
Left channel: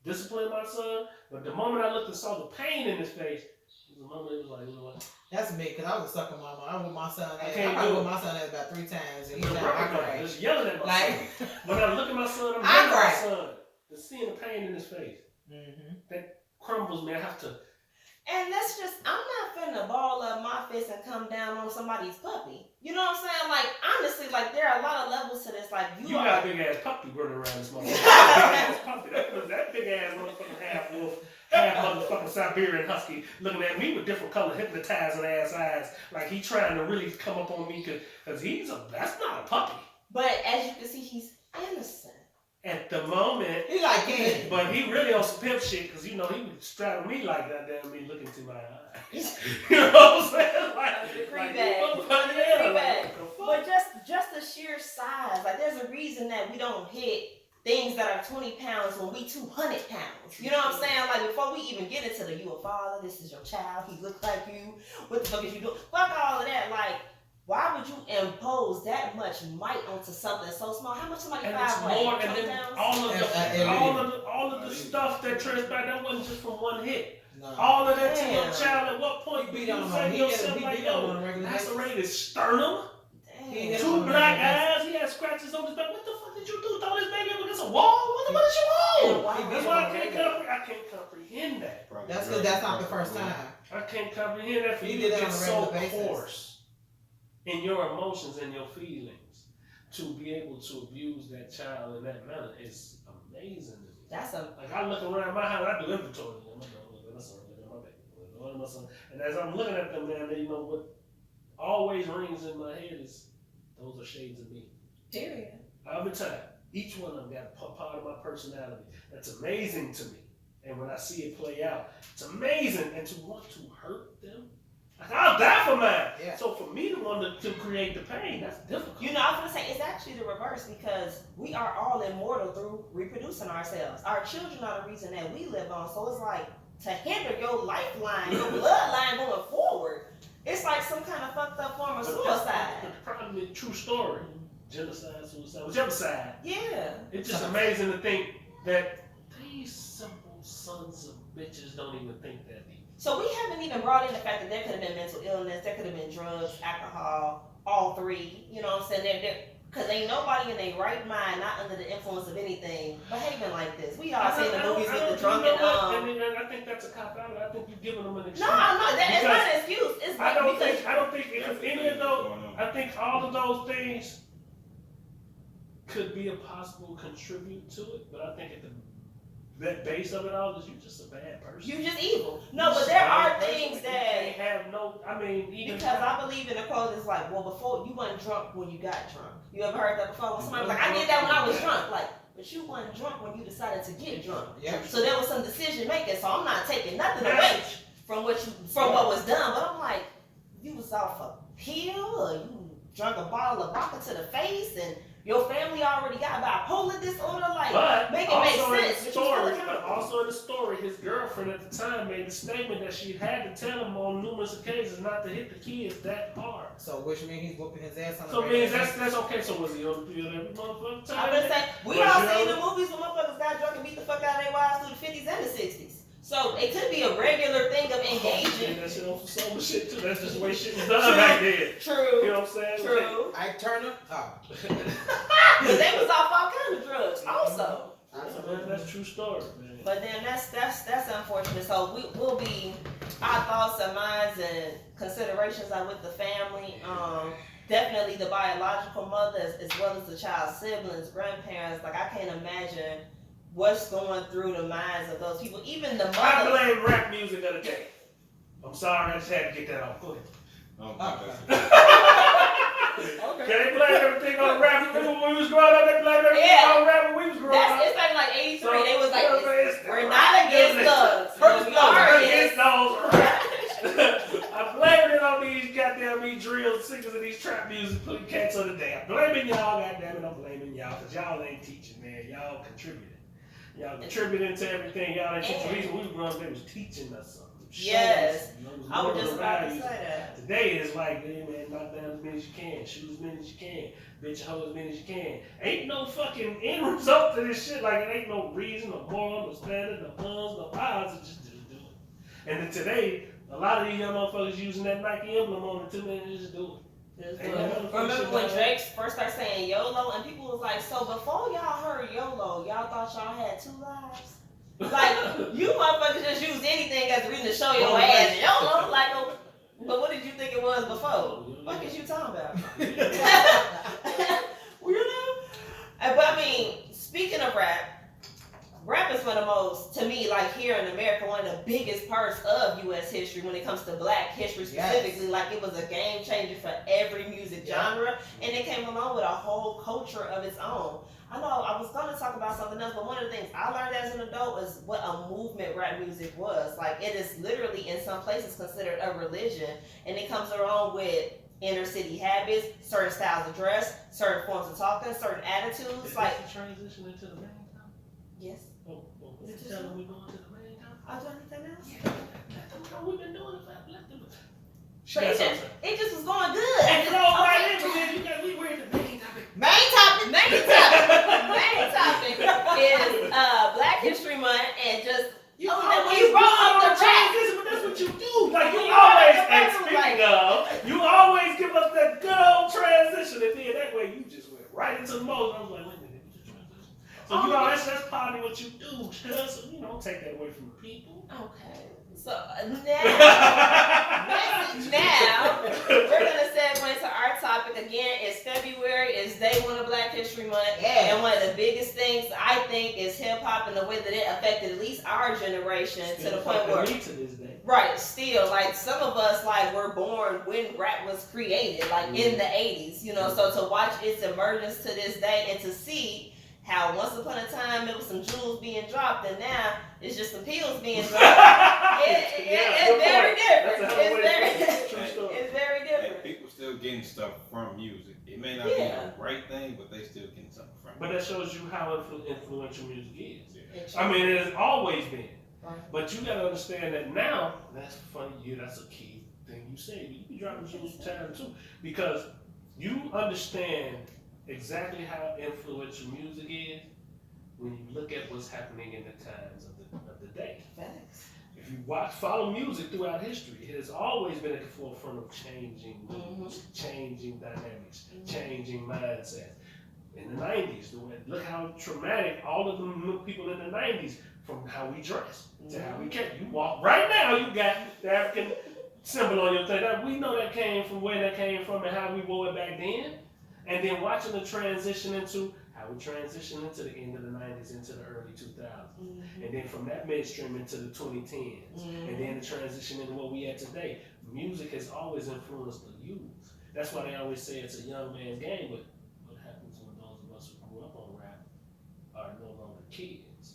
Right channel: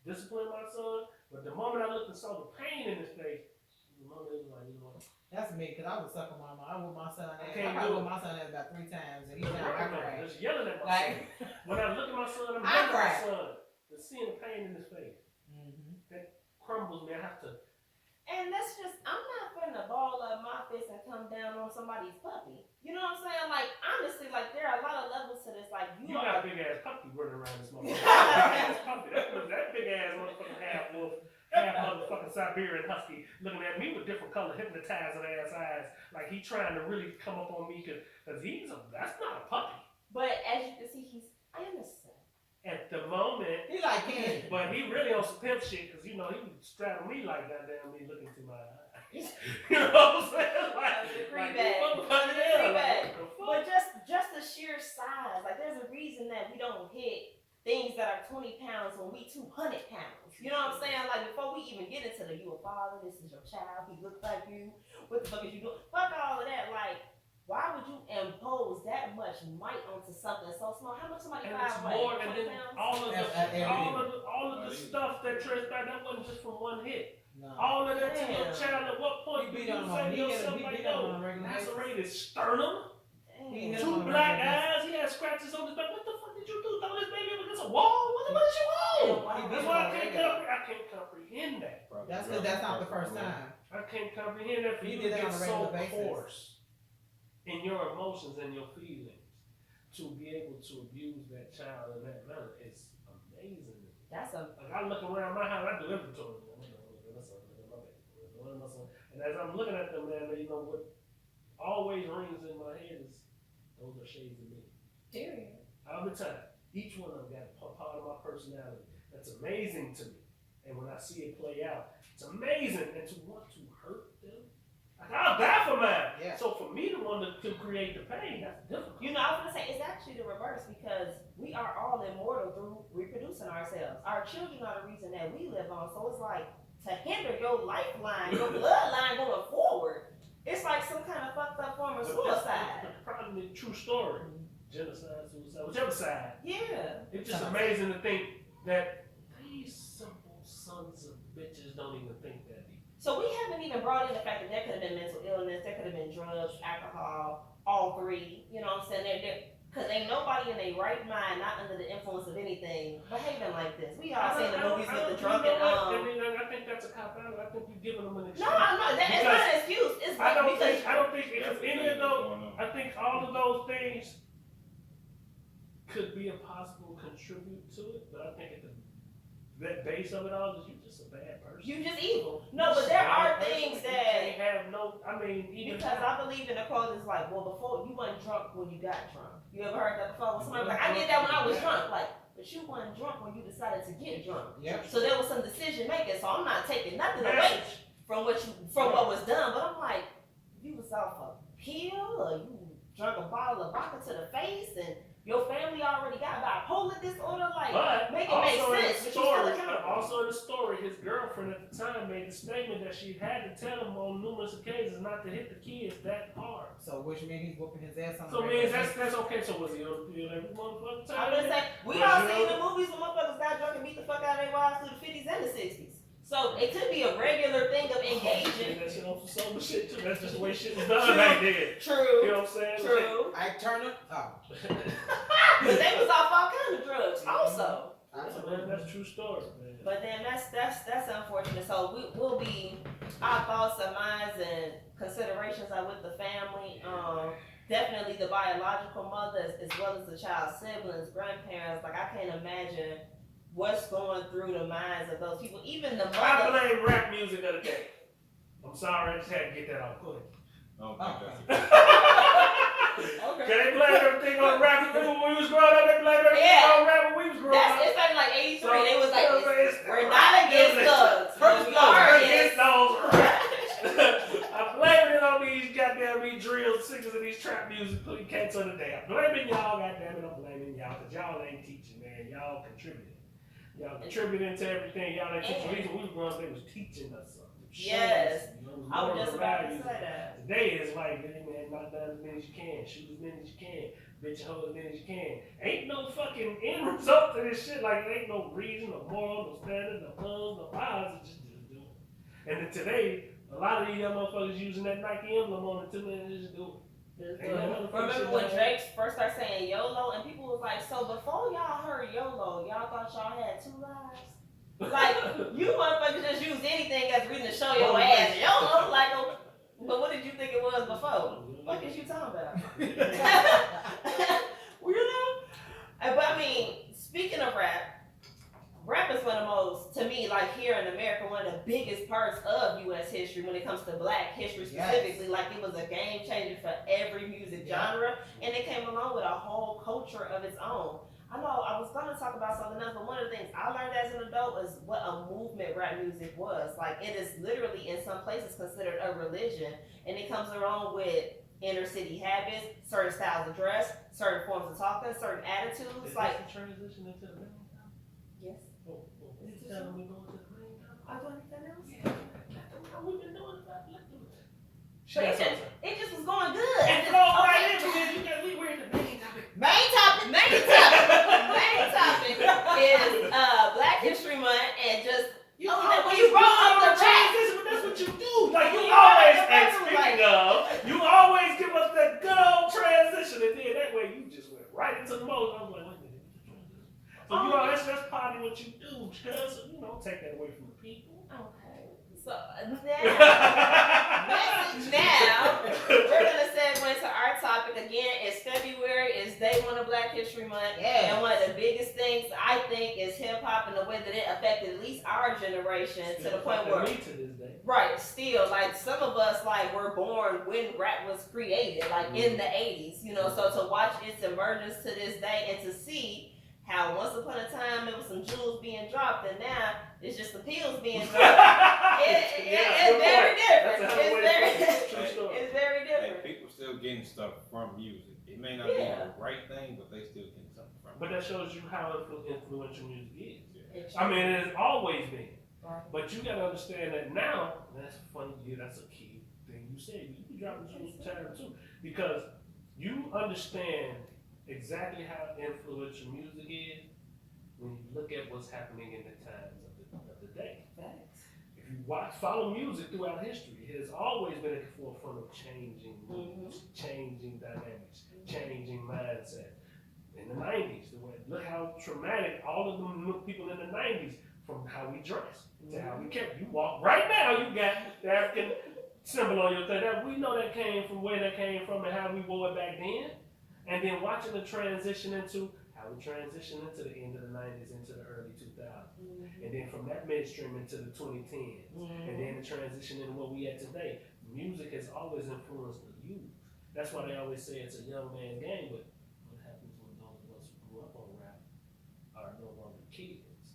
disciplining my son, but the moment I looked and saw the pain in his face, the moment it was like, that's me, because I was a sucker mama. I with my son. I with my son about 3 times, and he's like, just yelling at my son. When I look at my son, I'm yelling at my son. Just seeing the pain in his face. That crumbles me. I have to. And that's just, I'm not finna ball up my fist and come down on somebody's puppy. You know what I'm saying? Like, honestly, like, there are a lot of levels to this. Like, you got a big ass puppy running around this motherfucker. That big ass motherfucking half wolf, half motherfucking Siberian husky looking at me with different color hypnotizing ass eyes. Like, he trying to really come up on me because that's not a puppy. But as you can see, he's innocent. At the moment, he like candy, but he really on some pimp shit because he would straddle me like that, damn me looking to my eyes. You know what I'm saying? But just the sheer size, like there's a reason that we don't hit things that are 20 pounds when we 200 pounds. You know what I'm saying? Like before we even get into you a father, this is your child, he looks like you. What the fuck is you doing? Fuck all of that. Like, why would you impose that much might onto something so small? How much somebody more, and then all of the stuff that transpired, that wasn't just from one hit. No. All of that to your child. At what point you say to yourself like, yo, lacerated sternum, 2 black eyes, he had scratches on his back. What the fuck did you do? Throw this baby up against a wall? What did you want? That's why I can't comprehend that. That's because that's not the first time. I can't comprehend that for you to get so coarse in your emotions and your feelings to be able to abuse that child in that manner is amazing. That's a Like I look around my house, I do inventory. I'm like, look at my son, look at my baby, look at my son. And as I'm looking at them, man, you know what always rings in my head is those are shades of me. period. Every time, each one of them got a part of my personality. That's amazing to me. And when I see it play out, it's amazing. And to want to hurt them, like I'll die for mine. Yeah. So for me to want to create the pain, that's difficult. You know, I was gonna say it's actually the reverse because we are all immortal through reproducing ourselves. Our children are the reason that we live on. So it's like to hinder your lifeline, your bloodline going forward. It's like some kind of fucked up form of suicide. The problem is true story. Genocide, suicide, whichever side. Yeah. It's just amazing to think that these simple sons of bitches don't even think that deep. So we haven't even brought in the fact that there could have been mental illness, there could have been drugs, alcohol, all three. You know what I'm saying? Because ain't nobody in their right mind, not under the influence of anything, behaving like this. We all seen the movies with the drunken. I think that's a cop out. I think you're giving them an excuse. No, it's not an excuse. It's I don't because think if any of those. I think all of those things could be a possible contribute to it, but I think at the base of it all is you just a bad person. you just evil. No, but there are things that that. have no. I mean, even Because I believe in the quote is like, well, before you weren't drunk when you got drunk. You ever heard that before? When somebody was like, I did that when I was drunk. Like, but you weren't drunk when you decided to get drunk. Yeah. So there was some decision making. So I'm not taking nothing away from what was done. But I'm like, you was off a pill or you drank a bottle of vodka to the face and your family already got bipolar disorder. Like, but make it make sense. Also in the story, his girlfriend at the time made the statement that she had to tell him on numerous occasions not to hit the kids that hard. So which means he's whooping his ass on the So means that's okay. So was he on the field every motherfucking time? I'm gonna say, we all seen the movies when motherfuckers got drunk and beat the fuck out of their wives through the 50s and the 60s. So it could be a regular thing of engaging. That shit on some sober shit too. That's just the way shit was done back then. True. You know what I'm saying? True. Ike Turner? Oh. But they was off all kinds of drugs also. That's true story, man. But then that's unfortunate. So we'll be, our thoughts and minds and considerations are with the family. Definitely the biological mother as well as the child's siblings, grandparents. Like I can't imagine what's going through the minds of those people. Even the mother. I blame rap music of the day. I'm sorry, I just had to get that off. Go ahead. Okay. Can they blame everything on rap? Remember when we was growing up, they blamed everything on rap when we was growing up. It's like 83. So, they was like, we're not not against thugs. We're against those rappers. I'm blaming it on these goddamn drill singers and these trap music cats of the day. I'm blaming y'all, goddamn it. I'm blaming y'all because y'all ain't teaching, man. Y'all contributing. Y'all contributing to everything. Y'all ain't teaching. The reason we was growing up, they was teaching us something. Yes. You know, I was just about to say that. Today it's like, hey man, knock down as many as you can, shoot as many as you can, bitch hoe as many as you can. Ain't no fucking end result to this shit. Like it ain't no reason, no moral, no standard, no puns, no odds. It's just do it. And then today, a lot of these young motherfuckers using that Nike emblem on it too, man. Just do it. Remember when Drake first started saying YOLO and people was like, so before y'all heard YOLO, y'all thought y'all had 2 lives? Like, you motherfuckers just use anything as a reason to show your ass. YOLO, like, but what did you think it was before? What is you talking about? Weirdo? But I mean, speaking of rap is one of the most, to me, like here in America, one of the biggest parts of U.S. history when it comes to black history specifically. Yes. Like it was a game changer for every music genre, and it came along with a whole culture of its own. I know I was gonna talk about something else, but one of the things I learned as an adult is what a movement rap music was. Like it is literally in some places considered a religion, and it comes along with inner city habits, certain styles of dress, certain forms of talking, certain attitudes. Is like this the transition into the main time? Yes. Oh, is it telling we going to the main time? Are you doing anything else? Yeah, let them know we've been doing it. Let them. But it just was going good. And throw right in, man. You got me weird the main topic. Main topic is Black History Month and just you when you brought up the transition, but that's what you do. Like you always, speaking of, you always give us that good old transition, and then that way you just went right into the mode. I was like, wait a minute, so you know that that's partly what you do. Just, take that away from the people. Okay. So now we're gonna segue into our topic again. It's February. It's day one of Black History Month, and one of the biggest things I think is hip hop and the way that it affected at least our generation to the point where, to this day. right, still like some of us like were born when rap was created, like in the 80s, So to watch its emergence to this day and to see how once upon a time it was some jewels being dropped and now it's just some pills being dropped. It's very different. It's very different. Hey, people still getting stuff from music. It may not be the right thing, but they still getting something from it. But that shows you how influential music is. Yeah. I mean, it has always been. Right. But you gotta understand that now, that's funny, that's a key thing you say. You be dropping jewels time too. Because you understand exactly how influential music is when you look at what's happening in the times of the day. Facts. If you follow music throughout history, it has always been at the forefront of changing moods, changing dynamics, changing mindsets. In the 90s, look how traumatic all of the people in the 90s, from how we dress to how we kept. You walk right now, you got the African symbol on your thing. We know that came from where that came from and how we wore it back then. And then watching the transition into how we transitioned into the end of the 90s into the early 2000s. And then from that midstream into the 2010s. And then the transition into what we at today. Music has always influenced the youth. That's why they always say it's a young man's game, but what happens when those of us who grew up on rap are no longer kids?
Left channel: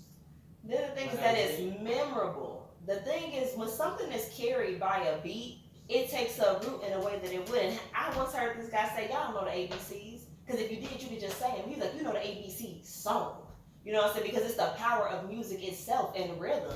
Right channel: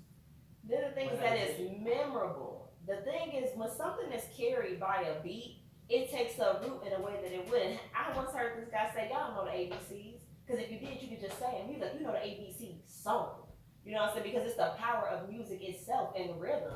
Then the thing is that it's memorable. The thing is, when something is carried by a beat, it takes a root in a way that it wouldn't. I once heard this guy say, y'all know the ABCs. Because if you did, you could just say them. He's like, you know the ABC song. You know what I'm saying? Because it's the power of music itself and rhythm.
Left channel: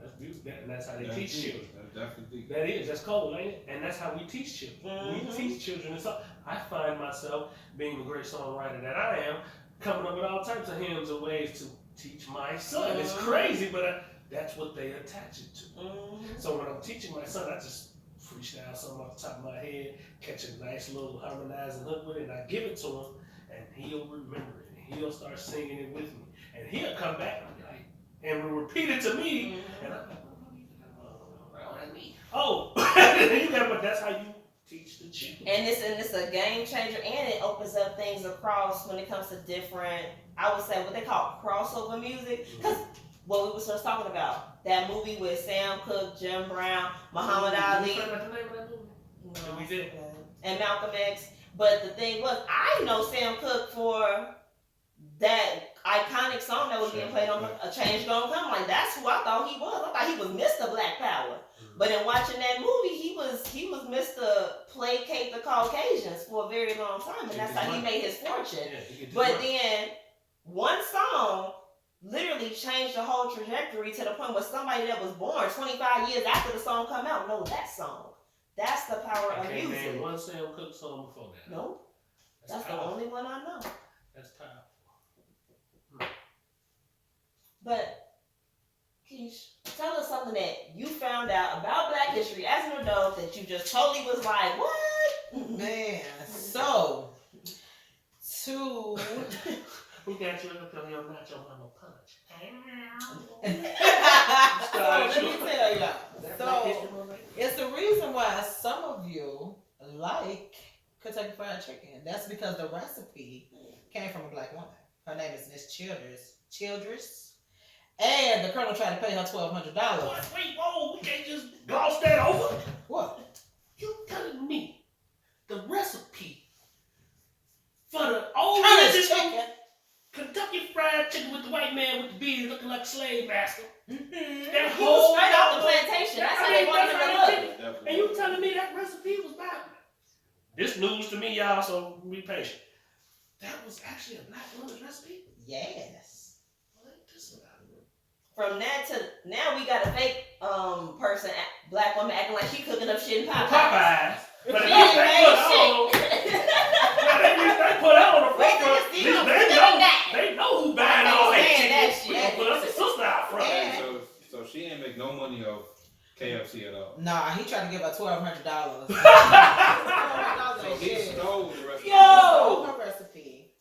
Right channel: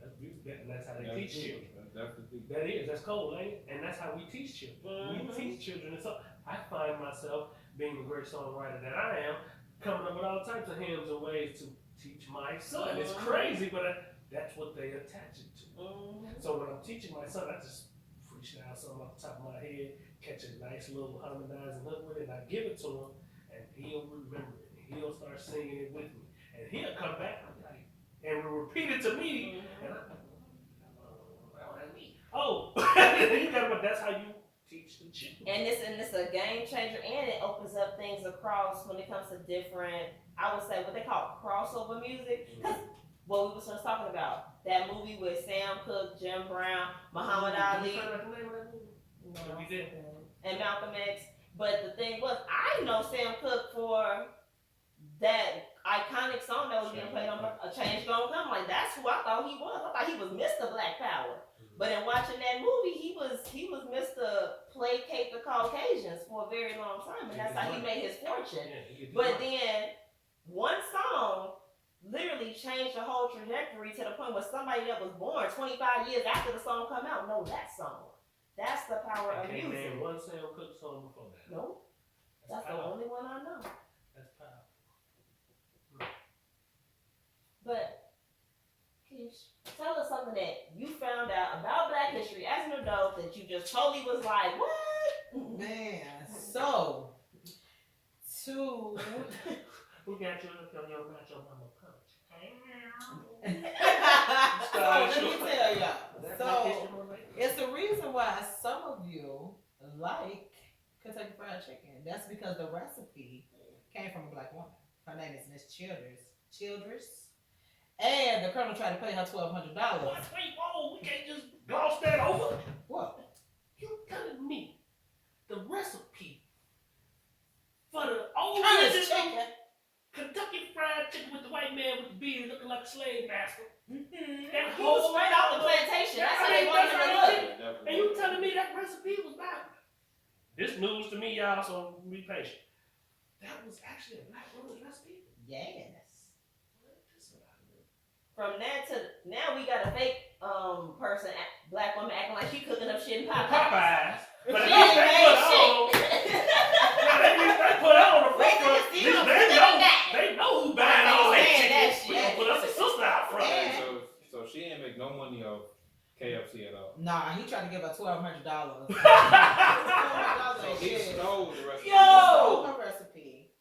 That's beautiful. And that's how they teach children. Definitely. That's cold, ain't it? And that's how we teach children. We teach children. I find myself, being the great songwriter that I am, coming up with all types of hymns and ways to teach my son. It's crazy, but that's what they attach it to. So when I'm teaching my son, I just freestyle something off the top of my head, catch a nice little harmonizing hook with it, and I give it to him, and he'll remember it, and he'll start singing it with me, and he'll come back and be like, and will repeat it to me, and I'm like, that's me. Oh, but that's how you teach the children. And it's a game changer, and it opens up things across when it comes to different, I would say what they call crossover music, because what we were just talking about, that movie with Sam Cooke, Jim Brown, Muhammad Ali. You remember the name of that movie? No, we did. and Malcolm X. But the thing was, I know Sam Cooke for that iconic song that was being played on A Change Gonna Come. Like, that's who I thought he was. I thought he was Mr. Black Power. But in watching that movie, he was Mr. Placate the Caucasians for a very long time, and that's how he made his fortune. But then one song literally changed the whole trajectory to the point where somebody that was born 25 years after the song come out know that song. That's the power of music. Name one Sam Cooke song before that. Nope. That's the only one I know. That's powerful. But Keish, tell us something that you found out about Black history as an adult that you just totally was like, what? Man, so to Who got you up on your nacho mama punch? so let me tell y'all. So it's the reason why some of you like Kentucky Fried Chicken. That's because the recipe came from a Black woman. Her name is Miss Childress. And the Colonel tried to pay her $1,200. Wait, whoa, we can't just gloss that over. What? You telling me the recipe for the old chicken? Kentucky Fried Chicken with the white man with the beard looking like a slave master. Mm-hmm. That He was whole straight off the plantation. That's how they wanted him to look. And you telling me that recipe was bad? This news to me, y'all, so be patient. That was actually a Black woman's recipe? Yes. What is about it? From that to now, we got a fake person, Black woman, acting like she cooking up shit in Popeyes. Popeyes. But She at least ain't they made put shit. they put that on the front. Wait, They know who buying all that That chicken. We gonna put us a sister out front. So she ain't make no money off KFC at all. Nah, he tried to give her $1,200. So he stole the recipe. Stole her recipe.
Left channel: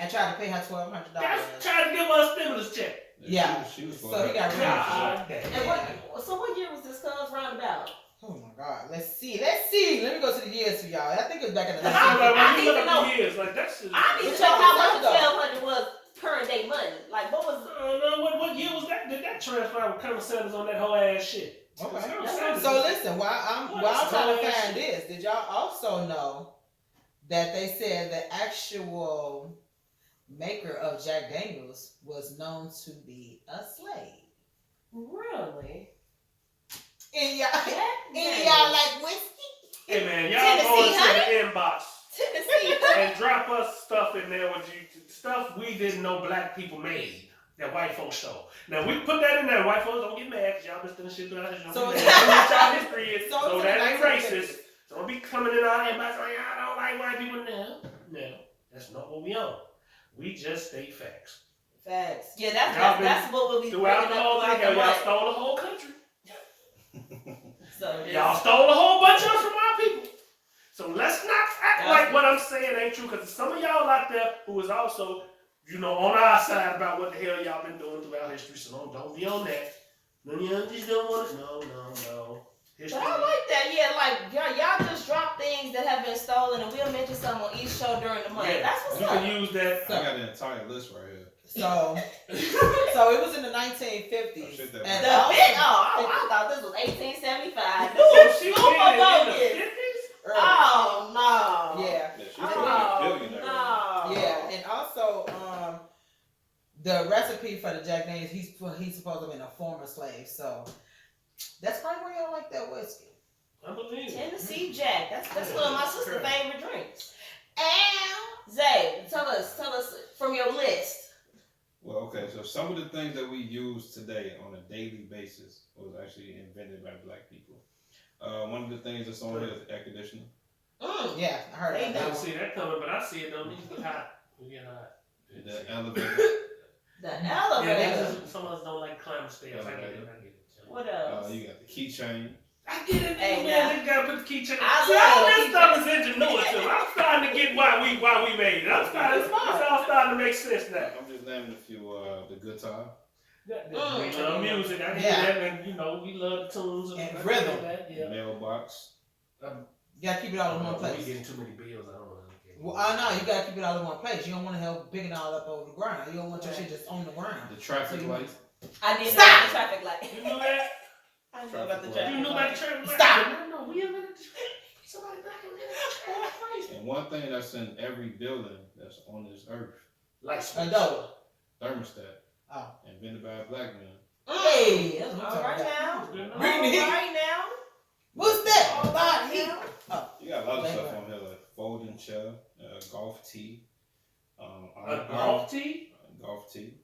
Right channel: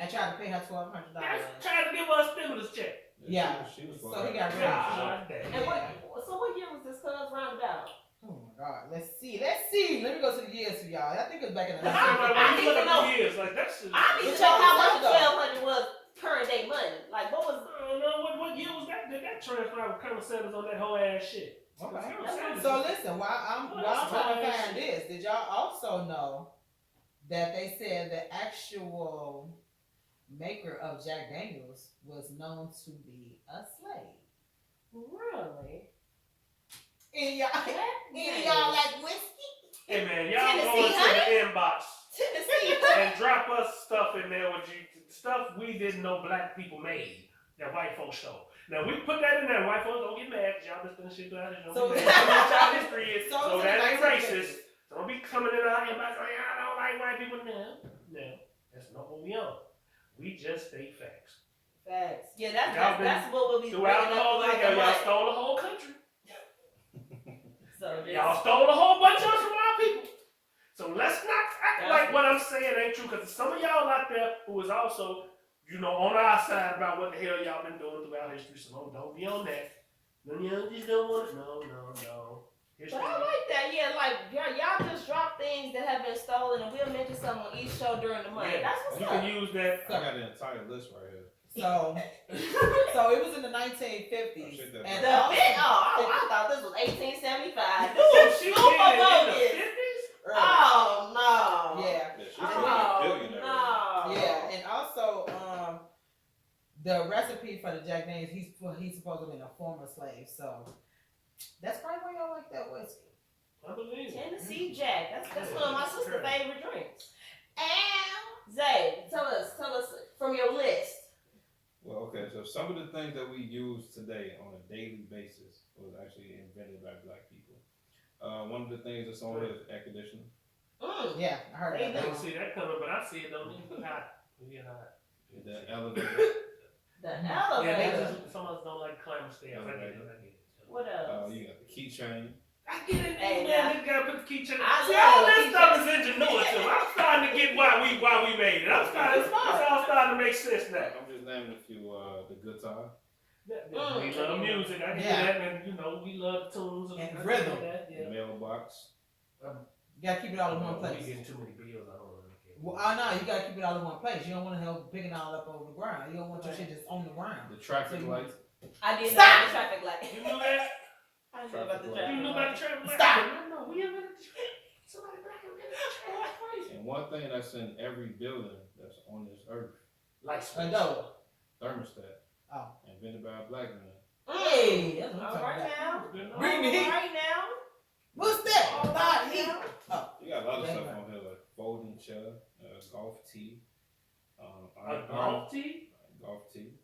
and tried to pay her $1,200. That's trying to give us a stimulus check. Yeah. She was So he got rid of God damn. And what year was this cuz roundabout? Oh my God. Let's see. Let me go to the years for y'all. I think it was back in the I was like, when you look even at know. the years, like that's just. I need It's to know how much all- $1,200 was current day money. Like what was? I don't know what year was that? Did that transfer with Colonel Sanders on that whole ass shit? Okay. Colonel Sanders So was- listen, while I'm What? trying to What? find this, did y'all also know that they said the actual maker of Jack Daniels was known to be a slave? Really? And y'all, Jack like whiskey? Hey man, y'all Tennessee, go into the inbox Tennessee. and drop us stuff in there with you stuff we didn't know black people made that white folks show. Now we put that in there. White folks don't get mad because y'all been stealing shit out of So- so y'all history is. So So it's that in ain't the racist. So don't be coming in our inbox saying I don't like white people. No, that's not what we own. We just state facts. Facts. Yeah, Y'all been that's what we'll be Throughout bringing the up whole thing, throughout the y'all month. stole the whole country. So Y'all stole a whole bunch of us from our people. So let's not act Yeah. like what I'm saying ain't true, because some of y'all out there who is also, on our side about what the hell y'all been doing throughout history. So don't be on that. No, you just don't want it. No. History. But I like that. Yeah, like y'all just drop things that have been stolen, and we'll mention some on each show during the month. Yeah, That's what's you up. can use that. I got an entire list right here. So it was in the 1950s. Oh, shit, that and The also- bit, I thought this was 1875. So she Super did it in the bogus. 50s? early. Oh no. Yeah. Yeah, she's Oh probably a billionaire. right no. Yeah, and also the recipe for the Jack Daniels, he's supposed to have been a former slave, so that's probably why y'all like that whiskey. I believe it. Tennessee Jack. That's one of my sister's Correct. favorite drinks. And Zay, tell us from your list. Well, okay, so some of the things that we use today on a daily basis was actually invented by black people. One of the things that's on here is air conditioner. Yeah, I heard They about I that. don't see that coming, but I see it though. We get hot. The elevator. The Yeah, elevator. they just, some of us don't like climbing stairs. I get it. What else? You got the keychain. I get it, Hey, man. now- They gotta put the keychain. I See, love all the this stuff is ingenuity. I'm starting to get why we made it. It's all starting to make sense now. I'm just naming a few. The guitar. We love music. I hear Yeah. that, and we love tunes And rhythm. That, The yeah. mailbox. You gotta keep it all in one We place. getting too many bills. I don't want to get. Well, no, you gotta keep it all in one place. You don't want to have big it all up over the ground. You don't want your Right. shit just on the ground. The traffic light. I did Stop! know the traffic light. You knew that? I know about the You traffic You knew light. about the traffic light? Stop. No, we invented the traffic. Somebody back in there. Crazy. And one thing that's in every building that's on this earth, Like A door. thermostat. Oh. Invented by a black man. Hey, that's what I'm All right talking about. now. All Bring the heat. All right now. What's that? All right Heat. now. You got a lot of Okay, stuff right. on here like folding chair, golf tee, A golf tee? golf tee.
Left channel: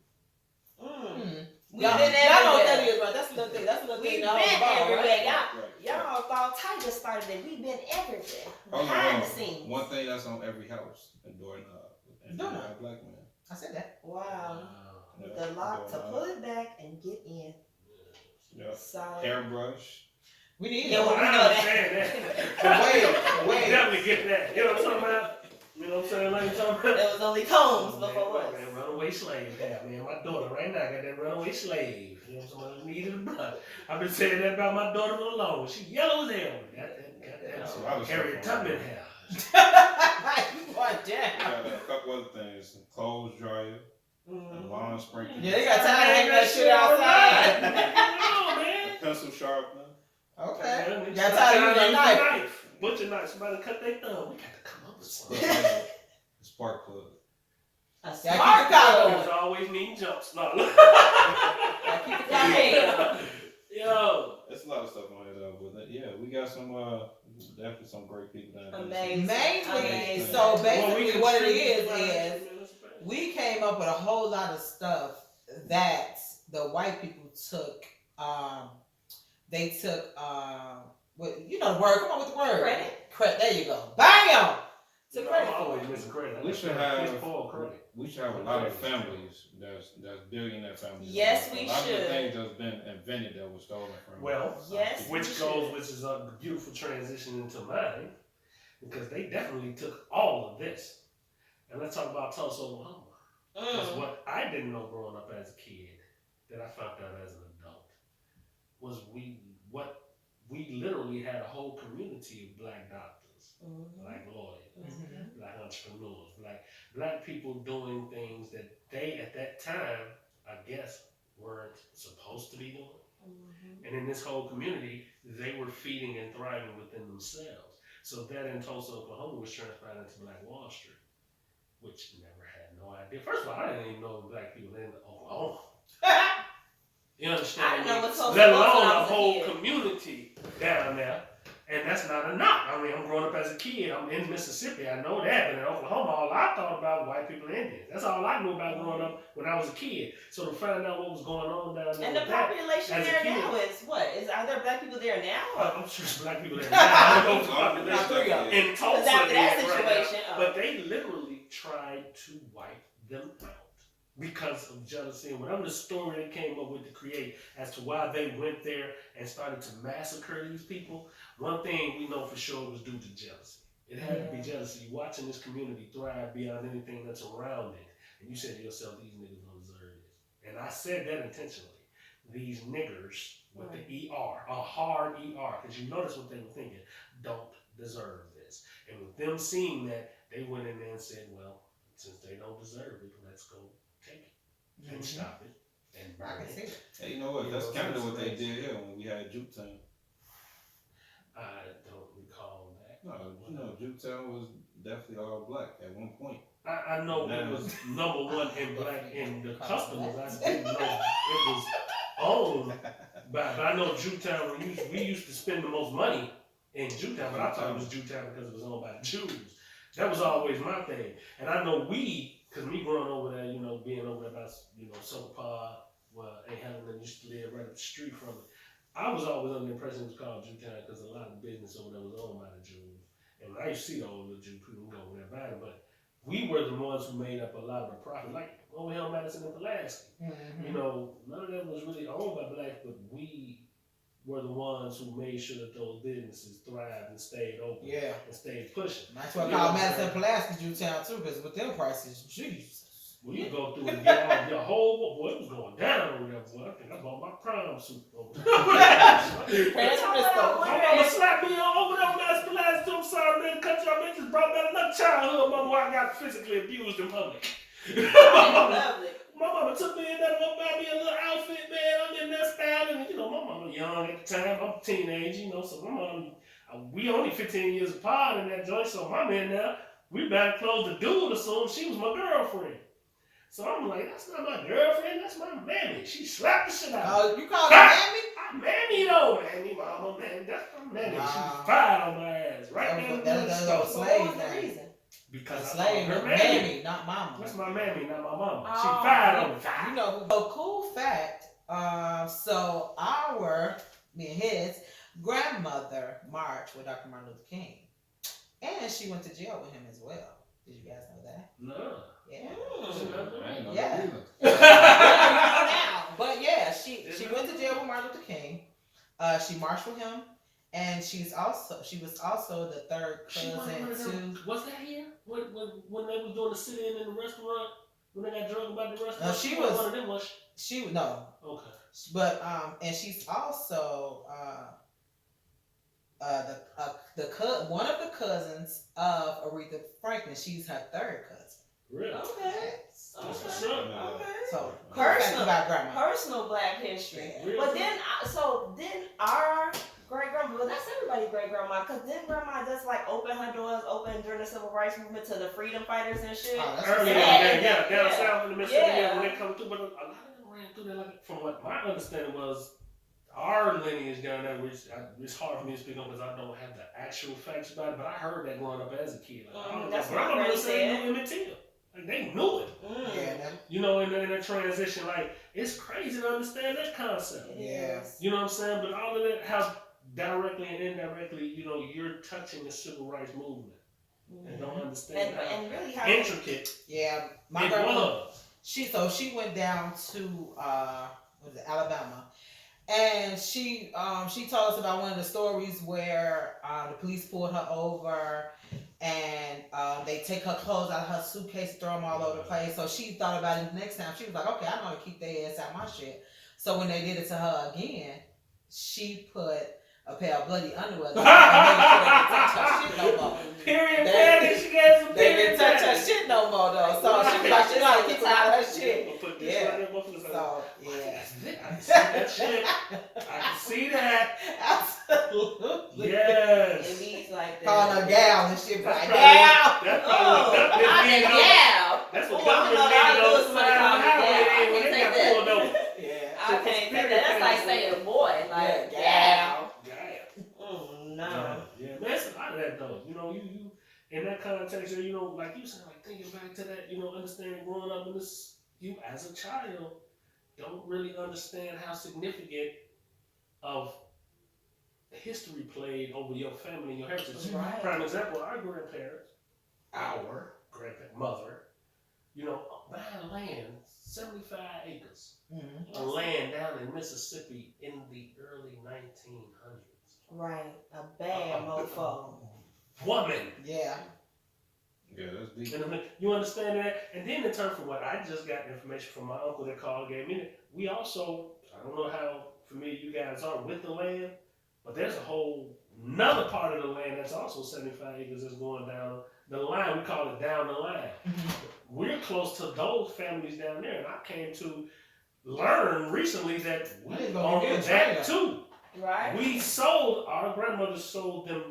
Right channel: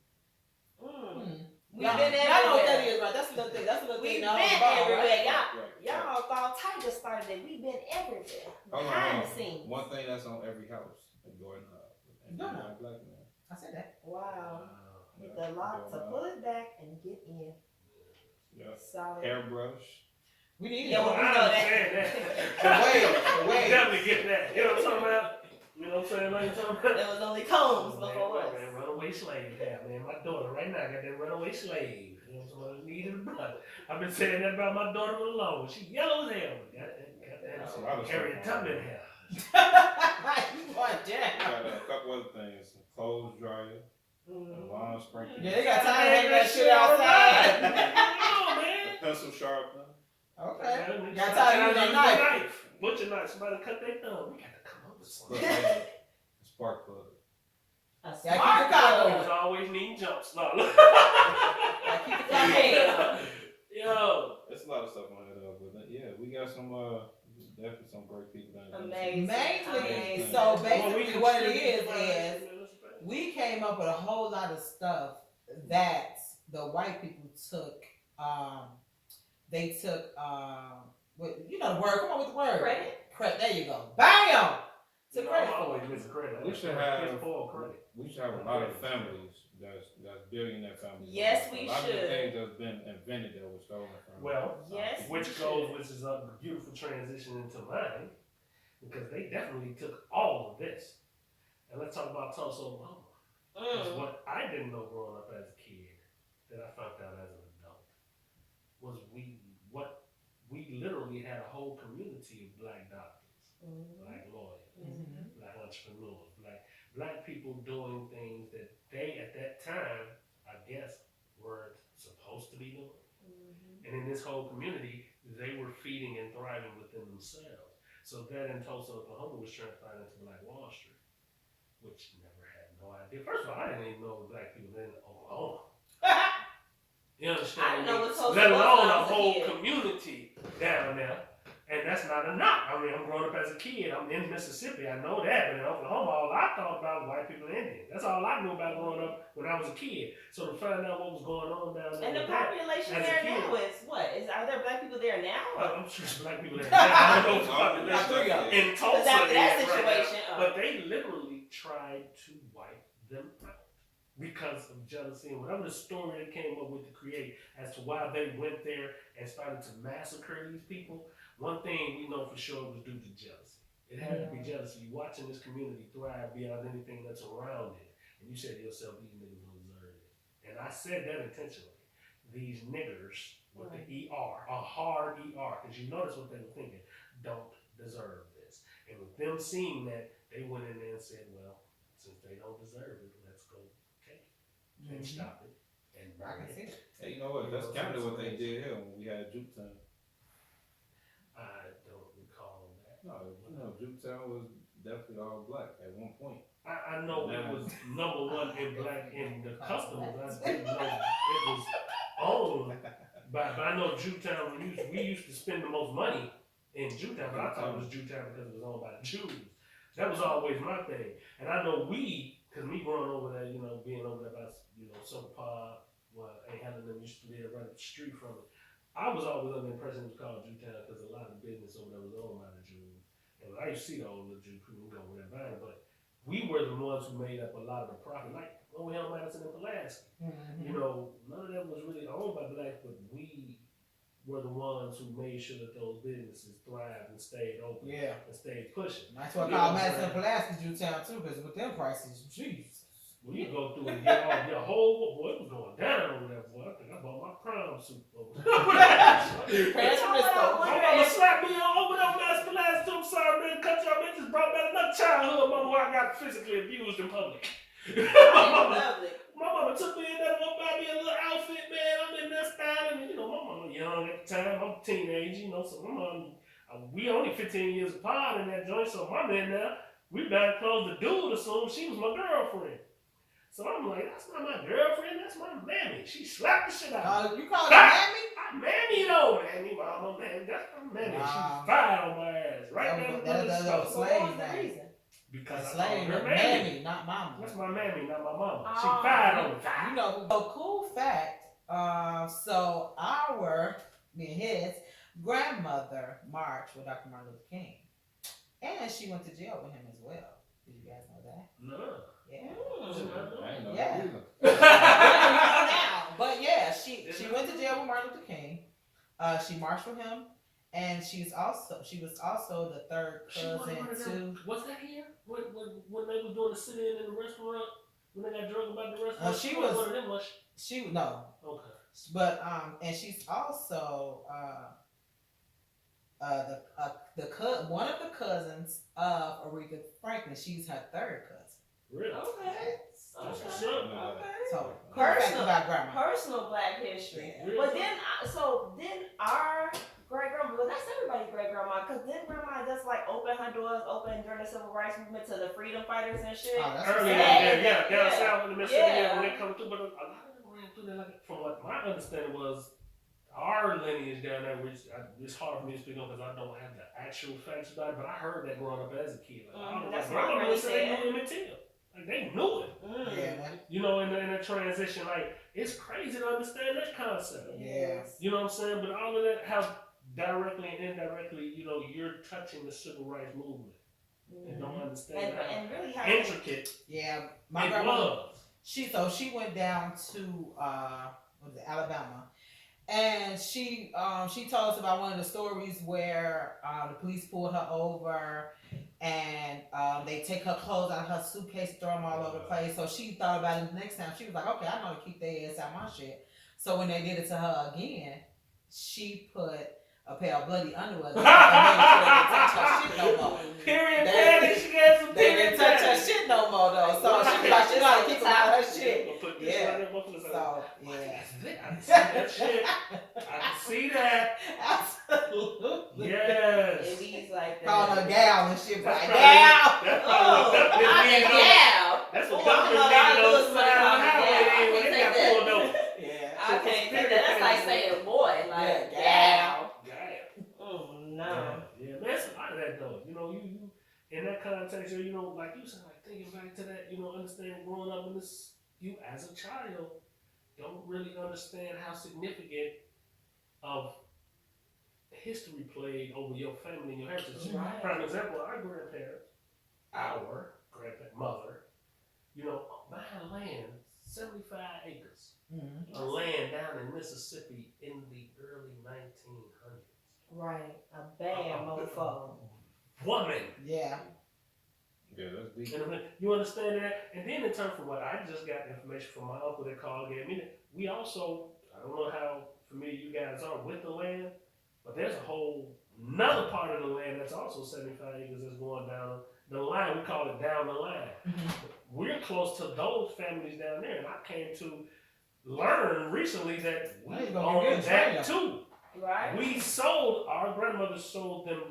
We've Y'all been y'all know what that everywhere. is, right? That's another thing. That's another We've thing. been Now, hold the ball, everywhere. right? Y'all thought Tiger started it. We've been everywhere. Hold Behind on. the scenes. One thing that's on every house, a doorknob. Invented by Doorknob. a black man. I said that. Wow. Yeah, The lock to doorknob. pull it back and get in. Yeah. Solid. Hairbrush. We need Yeah, it. well, I we know that. understand that. Wait. We definitely get that. You know what I'm talking about? You know what I'm saying? Like you're talking about? There was only combs before us. Man, runaway slave. Yeah, man, my daughter right now got that runaway slave. You know what I'm saying? Needed a blood. I've been saying that about my daughter for long. She yellow as hell. Got That's a lot that of Harriet stuff on Tubman there. hair. You want We that? got a couple other things. Clothes dryer, a lawn sprinkler, Yeah, they got time to hang that shit outside. on, a man. pencil sharpener. Okay. Man, Got time to use your knife. Butcher knife. Somebody cut their thumb. We got to come up with something. A spark plug. A Yeah, smart keep the collar plug. Always, always need jumps. No. Damn. Yo. There's a lot of stuff on here though, but yeah, we got some definitely some great people down there. Amazing. Mainly, Amazing. so Well, basically what it contribute is we came up with a whole lot of stuff that the white people took. They took what you know the word. Come on with the word. Credit. There you go. Bam. You Took know, credit I'm for always it. missing credit. We should have Piss poor credit. we should have a lot of families that's billionaire families. Yes, a we lot of should. the things that's been invented that was stolen from. Well, Yes, we which is a beautiful transition into mine, because they definitely took all of this. And let's talk about Tulsa, Oklahoma. Because what I didn't know growing up as a kid, that I found out as an adult, was we literally had a whole community of black doctors, black lawyers, black entrepreneurs, black people doing things that they at that time, I guess, weren't supposed to be doing. And in this whole community, they were feeding and thriving within themselves. So that in Tulsa, Oklahoma was transpired into Black Wall Street, which never had no idea. First of all, I didn't even know black people in Oklahoma. You understand? I didn't know what Tulsa Let was alone when I a was a whole kid. community down there. And that's not a knock. I mean, I'm growing up as a kid. I'm in Mississippi. I know that. But in Oklahoma, all I thought about was white people and Indians. That's all I knew about growing up when I was a kid. So to find out what was going on down there. And the with that, population as a there kid. now is what? Are there black people there now? I'm sure there's black people there. I don't know the population in Because Tulsa after that is right now. situation, But they literally tried to wipe them out because of jealousy and whatever the story they came up with to create as to why they went there and started to massacre these people. One thing we know for sure was due to jealousy. It had to be jealousy. You're watching this community thrive beyond anything that's around it. And you said to yourself, these niggas don't deserve this. And I said that intentionally. These niggers with the ER, a hard ER, because you notice what they were thinking, don't deserve this. And with them seeing that, they went in there and said, well, since they don't deserve it, let's go take it and stop it and burn it. Hey, you know what? That's kind of what they did here when we had Juketown. I don't recall that. No, you know, Juketown was definitely all black at one point. I know it was number one in black in the customers. I didn't know it was owned but I know Juketown, we used to spend the most money in Juketown, but I thought it was Juketown because it was owned by the Jews. That was always my thing. And I know because me growing over there, you know, being over there by, you know, Soapah, where Aunt Helen used to live right up the street from it, I was always under the impression it was called Juketown because a lot of the business over there was owned by the Jews. And when I used to see the old little Jew people go over there buying, but we were the ones who made up a lot of the profit, like over here on Madison and Pulaski. You know, none of them was really owned by blacks, but we were the ones who made sure that those businesses thrived and stayed open and stayed pushing. That's why I call Madison Pulaski Jewtown too, because with them prices, Jesus. When you go through and get all your whole, boy, it was going down over there, boy. I think I bought my prom suit over there. My mama slapped me over there, Madison Pulaski. I'm sorry, man. Cut y'all, man. Just brought back another childhood, mama, where I got physically abused in public. Lovely. My mama took me in there to go buy me a little outfit, man. I'm in there styling. You know, my mama young at the time. I'm a teenager, you know, so my mom, we only 15 years apart in that joint. So my man now, we buying clothes to do it, so she was my girlfriend. So I'm like, that's not my girlfriend, that's my mammy. She slapped the shit out of me. You call her mammy? Mammy though, mammy, mama, man, that's my mammy. She was fired on my ass, right there in the middle of the That's store. slave What was the name. reason? Because I Slave, called her mammy, not mama. That's my mammy, not my mama. She Oh. fired on me. You know, so cool fact. So me and his grandmother marched with Dr. Martin Luther King, and she went to jail with him as well. Did you guys know that? No. Yeah. I ain't know Yeah. that either. But yeah, she went to jail with Martin Luther King. She marched with him, and she was also the third cousin to. Was that here? When they was doing the sit-in in the restaurant? When they got drunk about the restaurant? She was one of them, was she? No. Okay. But and she's also one of the cousins of Aretha Franklin. She's her third cousin. Really? Okay. That's what's up. Okay. So Personal Black history. Yeah. But then our great grandma, well, that's everybody's great grandma, because then grandma just like opened her doors open during the civil rights movement to the freedom fighters and shit. Oh, that's Early Yeah. down south in the Mississippi Yeah. when they come through, but a lot of them ran through there. Like, from what my understanding was, our lineage down there, which it's hard for me to speak on because I don't have the actual facts about it, but I heard that growing up as a kid. Like, That's my what grandma Granny was saying said. they knew Emmett Till. Like, they knew it. Yeah. You know, in the transition, like, it's crazy to understand that concept. Yeah. You know what I'm saying? But all of that, how directly and indirectly, you know, you're touching the civil rights movement and don't understand And really how how intricate Yeah. My it grandma. was. She went down to Alabama, and she told us about one of the stories where the police pulled her over, and they take her clothes out of her suitcase, throw them all over the place. So she thought about it the next time. She was like, okay, I know how to keep their ass out my shit. So when they did it to her again, she put a pair of bloody underwear and made sure they didn't touch her shit no more. Period panties. She got some They period didn't touch her panties. shit no more though. So she was like, she like keep them out of her shit. Put this Yeah. right there, both of us. So yeah. I can see that shit. I can see that. Absolutely. Yes. It means like that. Calling her gal and shit. That's Like, probably- gal. That's probably what Oh, Duckman I did. said, though. yeah. That's what Oh, Duckman I did know on the somebody side of the called me highway gal. then when they got pulled over. Yeah. I can't say that. That's like saying boy. Like, Yeah, gal. Damn. No. Yeah, man, that's a lot of that though. You know, you in that context, or you know, like you said, like thinking back to that, you know, understanding growing up in this, you as a child don't really understand how significant of history played over your family and your heritage. Right. Prime example, our grandparents, mother, you know, buying land, 75 acres. Mm-hmm. Of land down in Mississippi in the early 1900s. Right. A bad mofo. Woman. Yeah. Yeah, that's deep. And you understand that? And then in terms of what I just got information from my uncle that called gave me that we also, I don't know how familiar you guys are with the land, but there's a whole another part of the land that's also 75 acres that's going down the line. We call it down the line. We're close to those families down there, and I came to learn recently that we I ain't gonna own get that straight too. Right. We sold, our grandmother sold them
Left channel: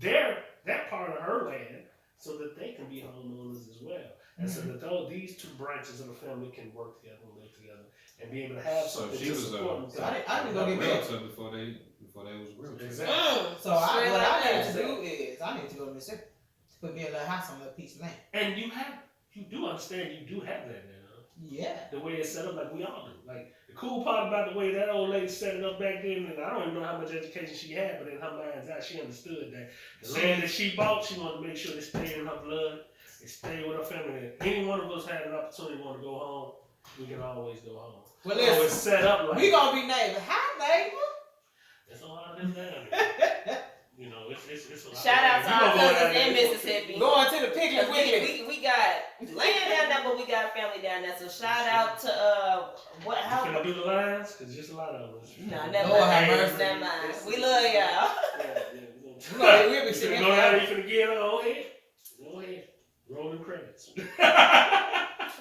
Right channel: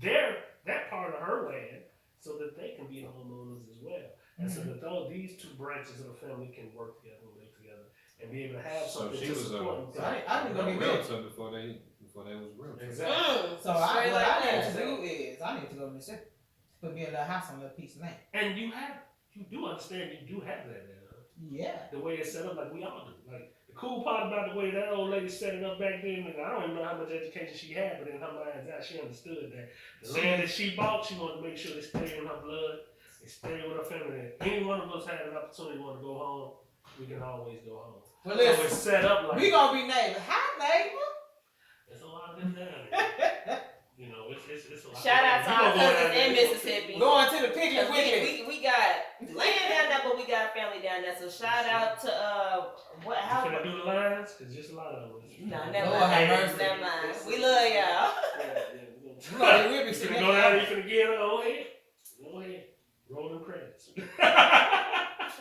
that part of her land so that they can be homeowners as well. And so that these two branches of the family can work together and live together and be able to have So something she to was support So them. I didn't go a get that. realtor before they was realtors. Exactly. So Straight what like I that. need to do is I need to go to Mississippi to put me a little house on a little piece of land. And you do understand you do have that now. Yeah. The way it's set up, like we all do. Like the cool part about the way that old lady set it up back then, and I don't even know how much education she had, but in her mind's eye, she understood that the land that she bought, she wanted to make sure it stayed in her blood, it stayed with her family. That any one of us had an opportunity want to go home, we can always go home. Well, So it's listen, set up like we gonna be neighbors. Hi, neighbor. there's a lot of them down there. You know, it's a lot. Shout out to We our gonna go down cousins there. in Mississippi. Going to the picnic Cause with me. we got land down there, but we got family down there. So shout out to what? You How? finna do the lines? Cause just a lot of them. Nah, never Lord have mind. mercy. Never mind. We love y'all. Yeah, We'll be you sitting finna go down, you finna get on ahead. Go ahead. Rolling credits.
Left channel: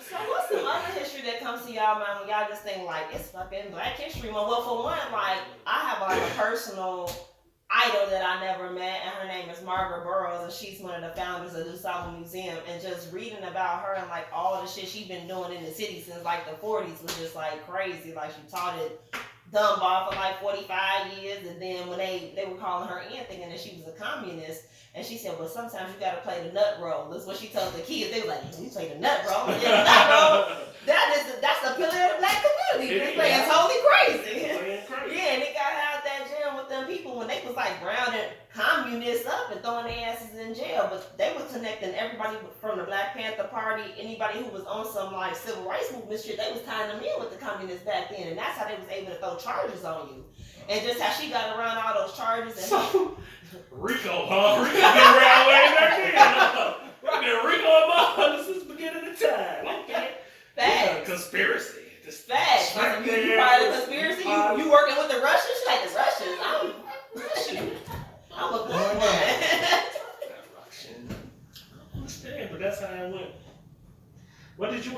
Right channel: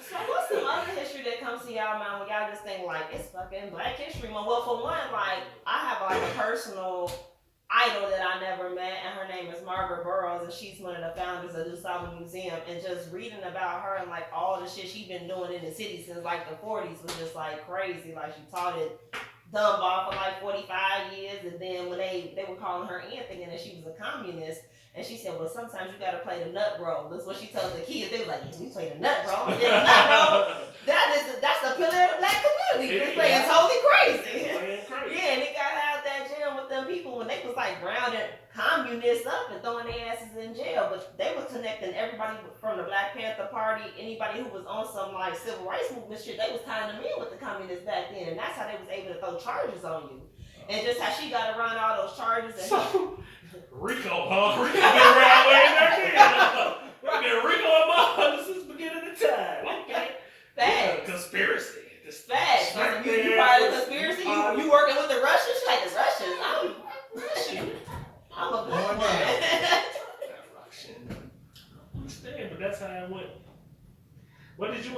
So what's some other history that comes to y'all mind when y'all just think like it's fucking Black History Month? Well, for one, like I have a personal idol that I never met, and her name is Margaret Burroughs, and she's one of the founders of the DuSable Museum. And just reading about her and like all the shit she's been doing in the city since like the 40s was just like crazy. Like she taught at Dunbar for like 45 years, and then when they were calling her in thinking that she was a communist. And she said, well, sometimes you gotta play the nut roll. That's what she told the kids. They was like, we play the nut roll. And then the nut roll, that's the pillar of the Black community. They play totally crazy. Yeah, and it got out that jail with them people when they was like rounding communists up and throwing their asses in jail. But they was connecting everybody from the Black Panther Party, anybody who was on some like civil rights movement shit, they was tying them in with the communists back then. And that's how they was able to throw charges on you. And just how she got around all those charges. And Rico, huh? Rico been around way back then. We've been Rico and Mom since the beginning of time. Okay. Yeah, conspiracy. Facts. You part of the conspiracy? You working with the Russians? She like the Russians. I'm a black woman. I understand, but that's how it went. What did you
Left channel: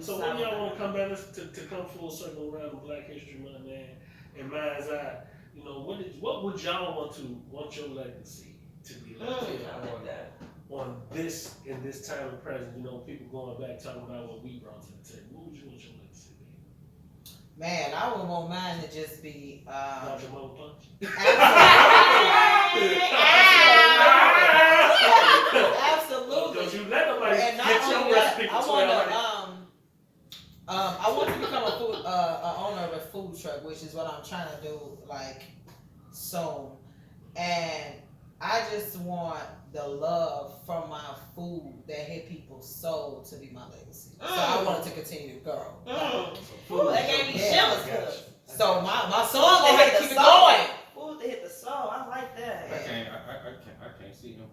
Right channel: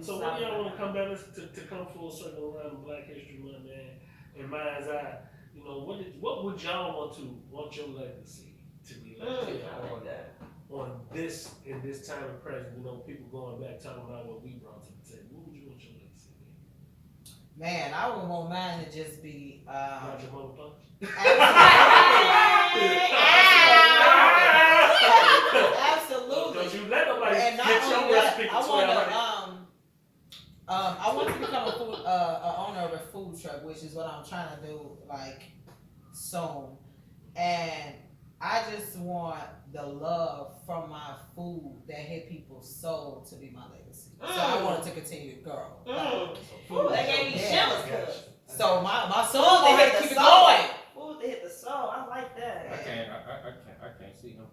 so when y'all want to come back to come full circle around the Black History Month, man? In mind's eye, you know, what would y'all want your legacy to be left on this in this time of present? You know, people going back talking about what we brought to the table. What would you want your legacy to be? Man, I would want mine to just be Got your mother punch? Absolutely. Don't you let nobody And not get your only that, recipe I for want 12 to I want to become a owner of a food truck, which is what I'm trying to do like soon. And I just want the love from my food that hit people's soul to be my legacy. So I want it to continue to grow. Ooh, that gave me Yeah. shivers. Good. So my soul Food gonna to hit keep the it soul. going. Food to hit the soul. I like that. I can't see him.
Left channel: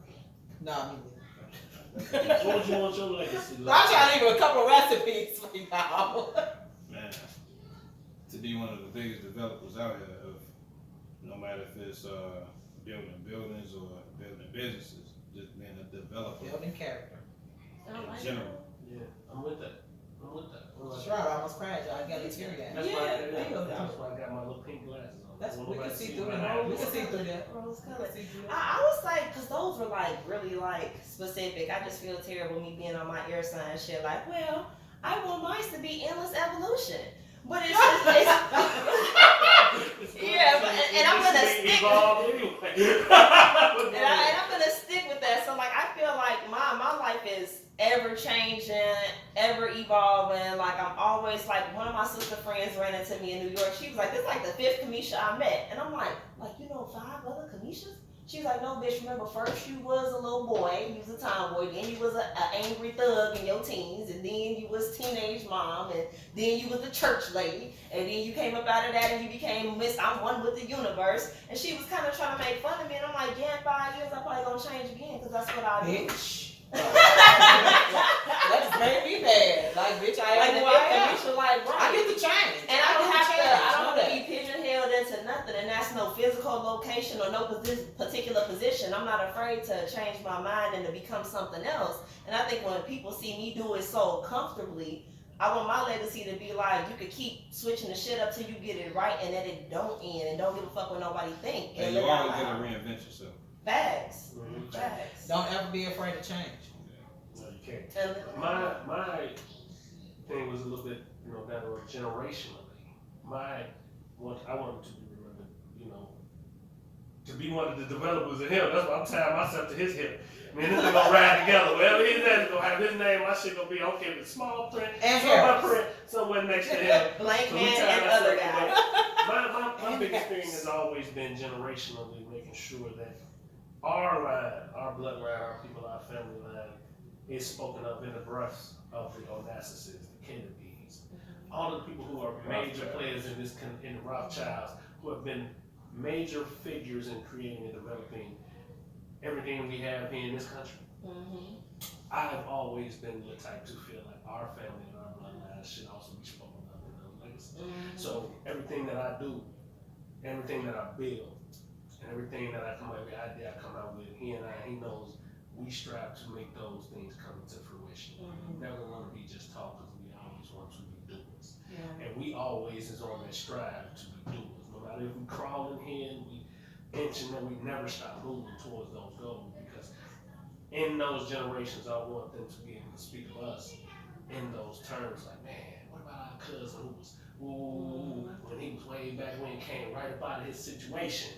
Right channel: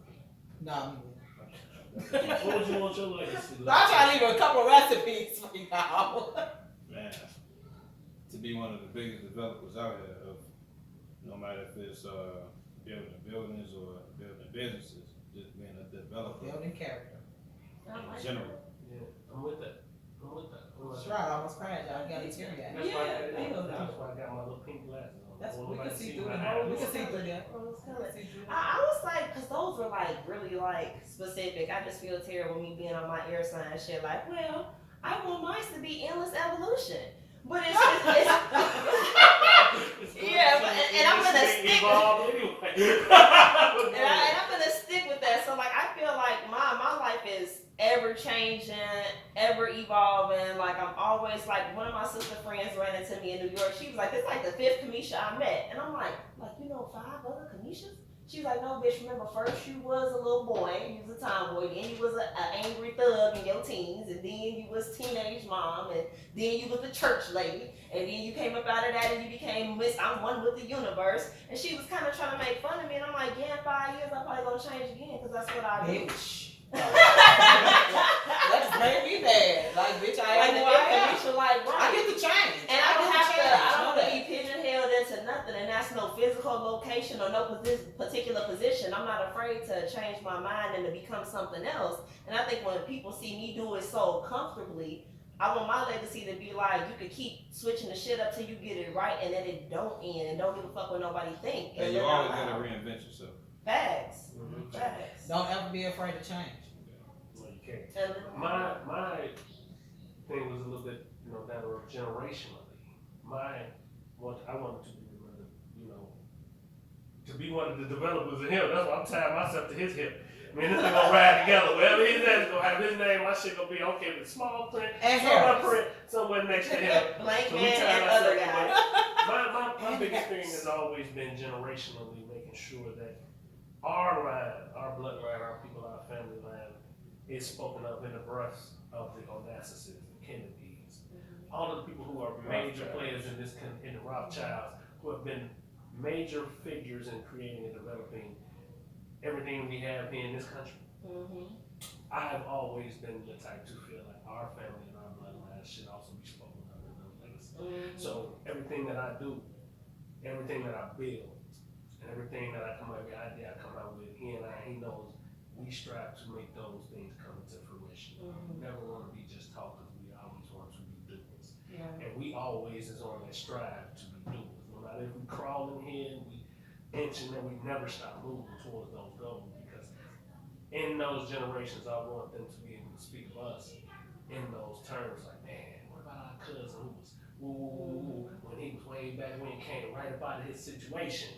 No, me What would you want your legacy? neither. I'm trying to leave a couple recipes for y'all. Man, to be one of the biggest developers out here of no matter if it's building buildings or building businesses, just being a developer Building character. in general. Yeah, I'm with that. I'm with that. Sure, I almost crashed. I got a tear gas. That's Yeah, why I got my little pink glasses on. That's Don't we nobody can see see through my that. eyes. We can see through that. Rose We color. can see through that. I was like, cause those were like really like specific. I just feel terrible me being on my air sign shit. Like, well, I want mine to be endless evolution, but it's yeah, and I'm gonna stick. Evolve anyway. And I'm gonna stick with that. So like I feel like my life is ever changing, ever evolving. Like I'm always like one of my sister friends ran into me in New York. She was like, "This is like the 5th Kamisha I met," and I'm like you know 5 other Kamishas? She was like, "No, bitch. Remember, first you was a little boy, you was a tomboy, then you was an angry thug in your teens, and then you was teenage mom, and then you was a church lady, and then you came up out of that and you became Miss I'm One with the Universe." And she was kind of trying to make fun of me, and I'm like, "Yeah, in 5 years I'm probably gonna change again, cause that's what I do." Bitch. That's made me mad. Like, bitch, I am who I am. I get to change. And I don't have to be pigeonholed into nothing, and that's no physical location or no particular position. I'm not afraid to change my mind and to become something else. And I think when people see me do it so comfortably, I want my legacy to be like, you could keep switching the shit up till you get it right, and that it don't end, and don't give a fuck what nobody think. And you always gotta reinvent yourself. Facts. Mhm. Facts. Don't ever be afraid to change. No, you can't. My thing was a little bit, down the road generationally. I wanted to be remembered, to be one of the developers of him. That's why I'm tying myself to his hip. I mean, this thing gonna ride together. Wherever he's at, it's gonna have his name. My shit gonna be okay with small print, And somewhere print, somewhere next to him. Blank So we man tie and ourselves other together. guy. My biggest thing has always been generationally making sure that our line, our bloodline, our people, our family line is spoken of in the breaths of the Onassis, the Kennedys, all of the people who are major players in the Rothschilds, who have been major figures in creating and developing everything we have here in this country. Mm-hmm. I've always been the type to feel like our family and our bloodline should also be spoken of in the legacy. Mm-hmm. So everything that I do, everything that I build, and everything that I come out with, idea I come out with, he knows we strive to make those things come to fruition. We never want to be just talkers, we always want to be doers. Yeah. And we always is on that strive to be doers. No matter if we crawl in here and we inching, and we never stop moving towards those goals, because in those generations, I want them to be able to speak of us in those terms, like, man, what about our cousin who was, when he was way back when, came right up out of his situation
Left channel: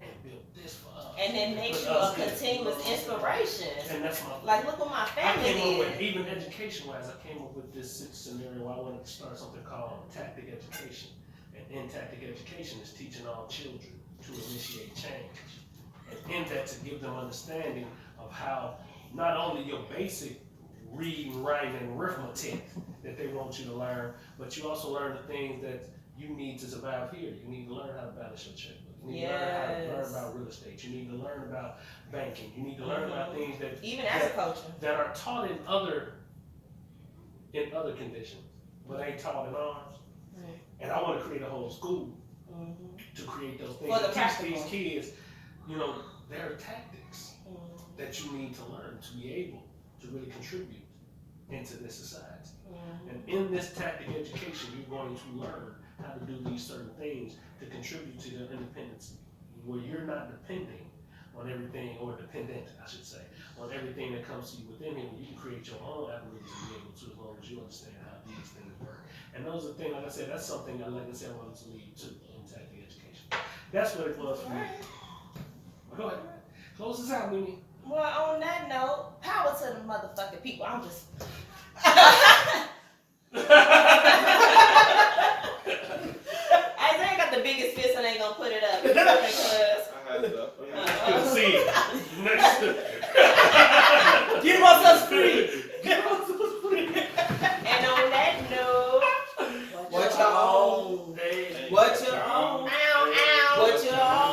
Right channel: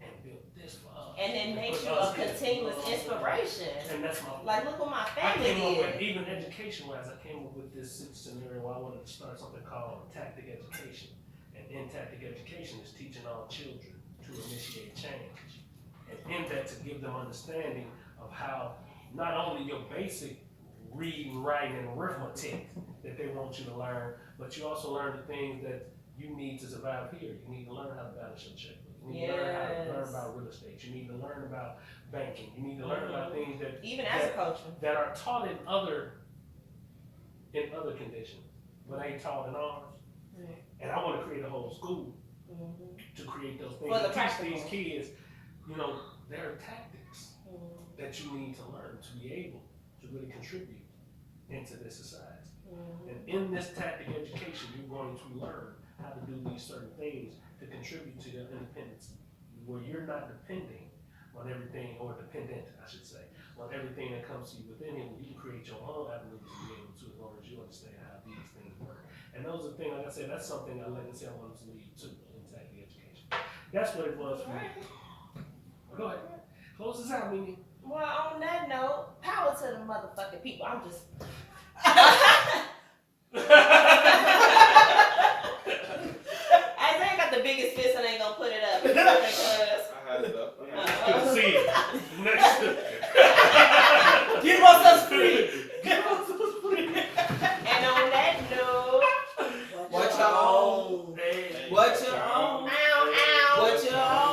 and built this for us. And it makes Put you us a in. continuous inspiration. And that's my Like, look what my I family came up with, did. even education-wise, I came up with this scenario where I wanted to start something called tactic education. And in tactic education is teaching all children to initiate change. And in that, to give them understanding of how not only your basic reading, writing, and arithmetic that they want you to learn, but you also learn the things that you need to survive here. You need to learn how to balance your checkbook. You need to learn how to learn about real estate. You need to learn about banking. You need to learn about things that Even agriculture. that are taught in other conditions, but ain't taught in ours. Right. And I want to create a whole school Mm-hmm. to create those things. For the and teach practical. these kids, there are tactics that you need to learn to be able to really contribute into this society. Mm-hmm. And in this tactic education, you're going to learn how to do these certain things to contribute to their independence, where you're not depending on everything, or dependent, I should say, on everything that comes to you within here. You can create your own avenues to be able to, as long as you understand how these things work. And those are things, like I said, that's something I wanted to lead to in tactic education. That's what it was for me. Go ahead. Close this out, Mimi. Well, on that note, power to the motherfucking people. I'm just. I ain't got the biggest fist, and I ain't gonna put it up. I had it up. Good to see you. Next. Give us us free. Give us those free. And on that note, What you own? Hey. What you own? ow, ow. What you own?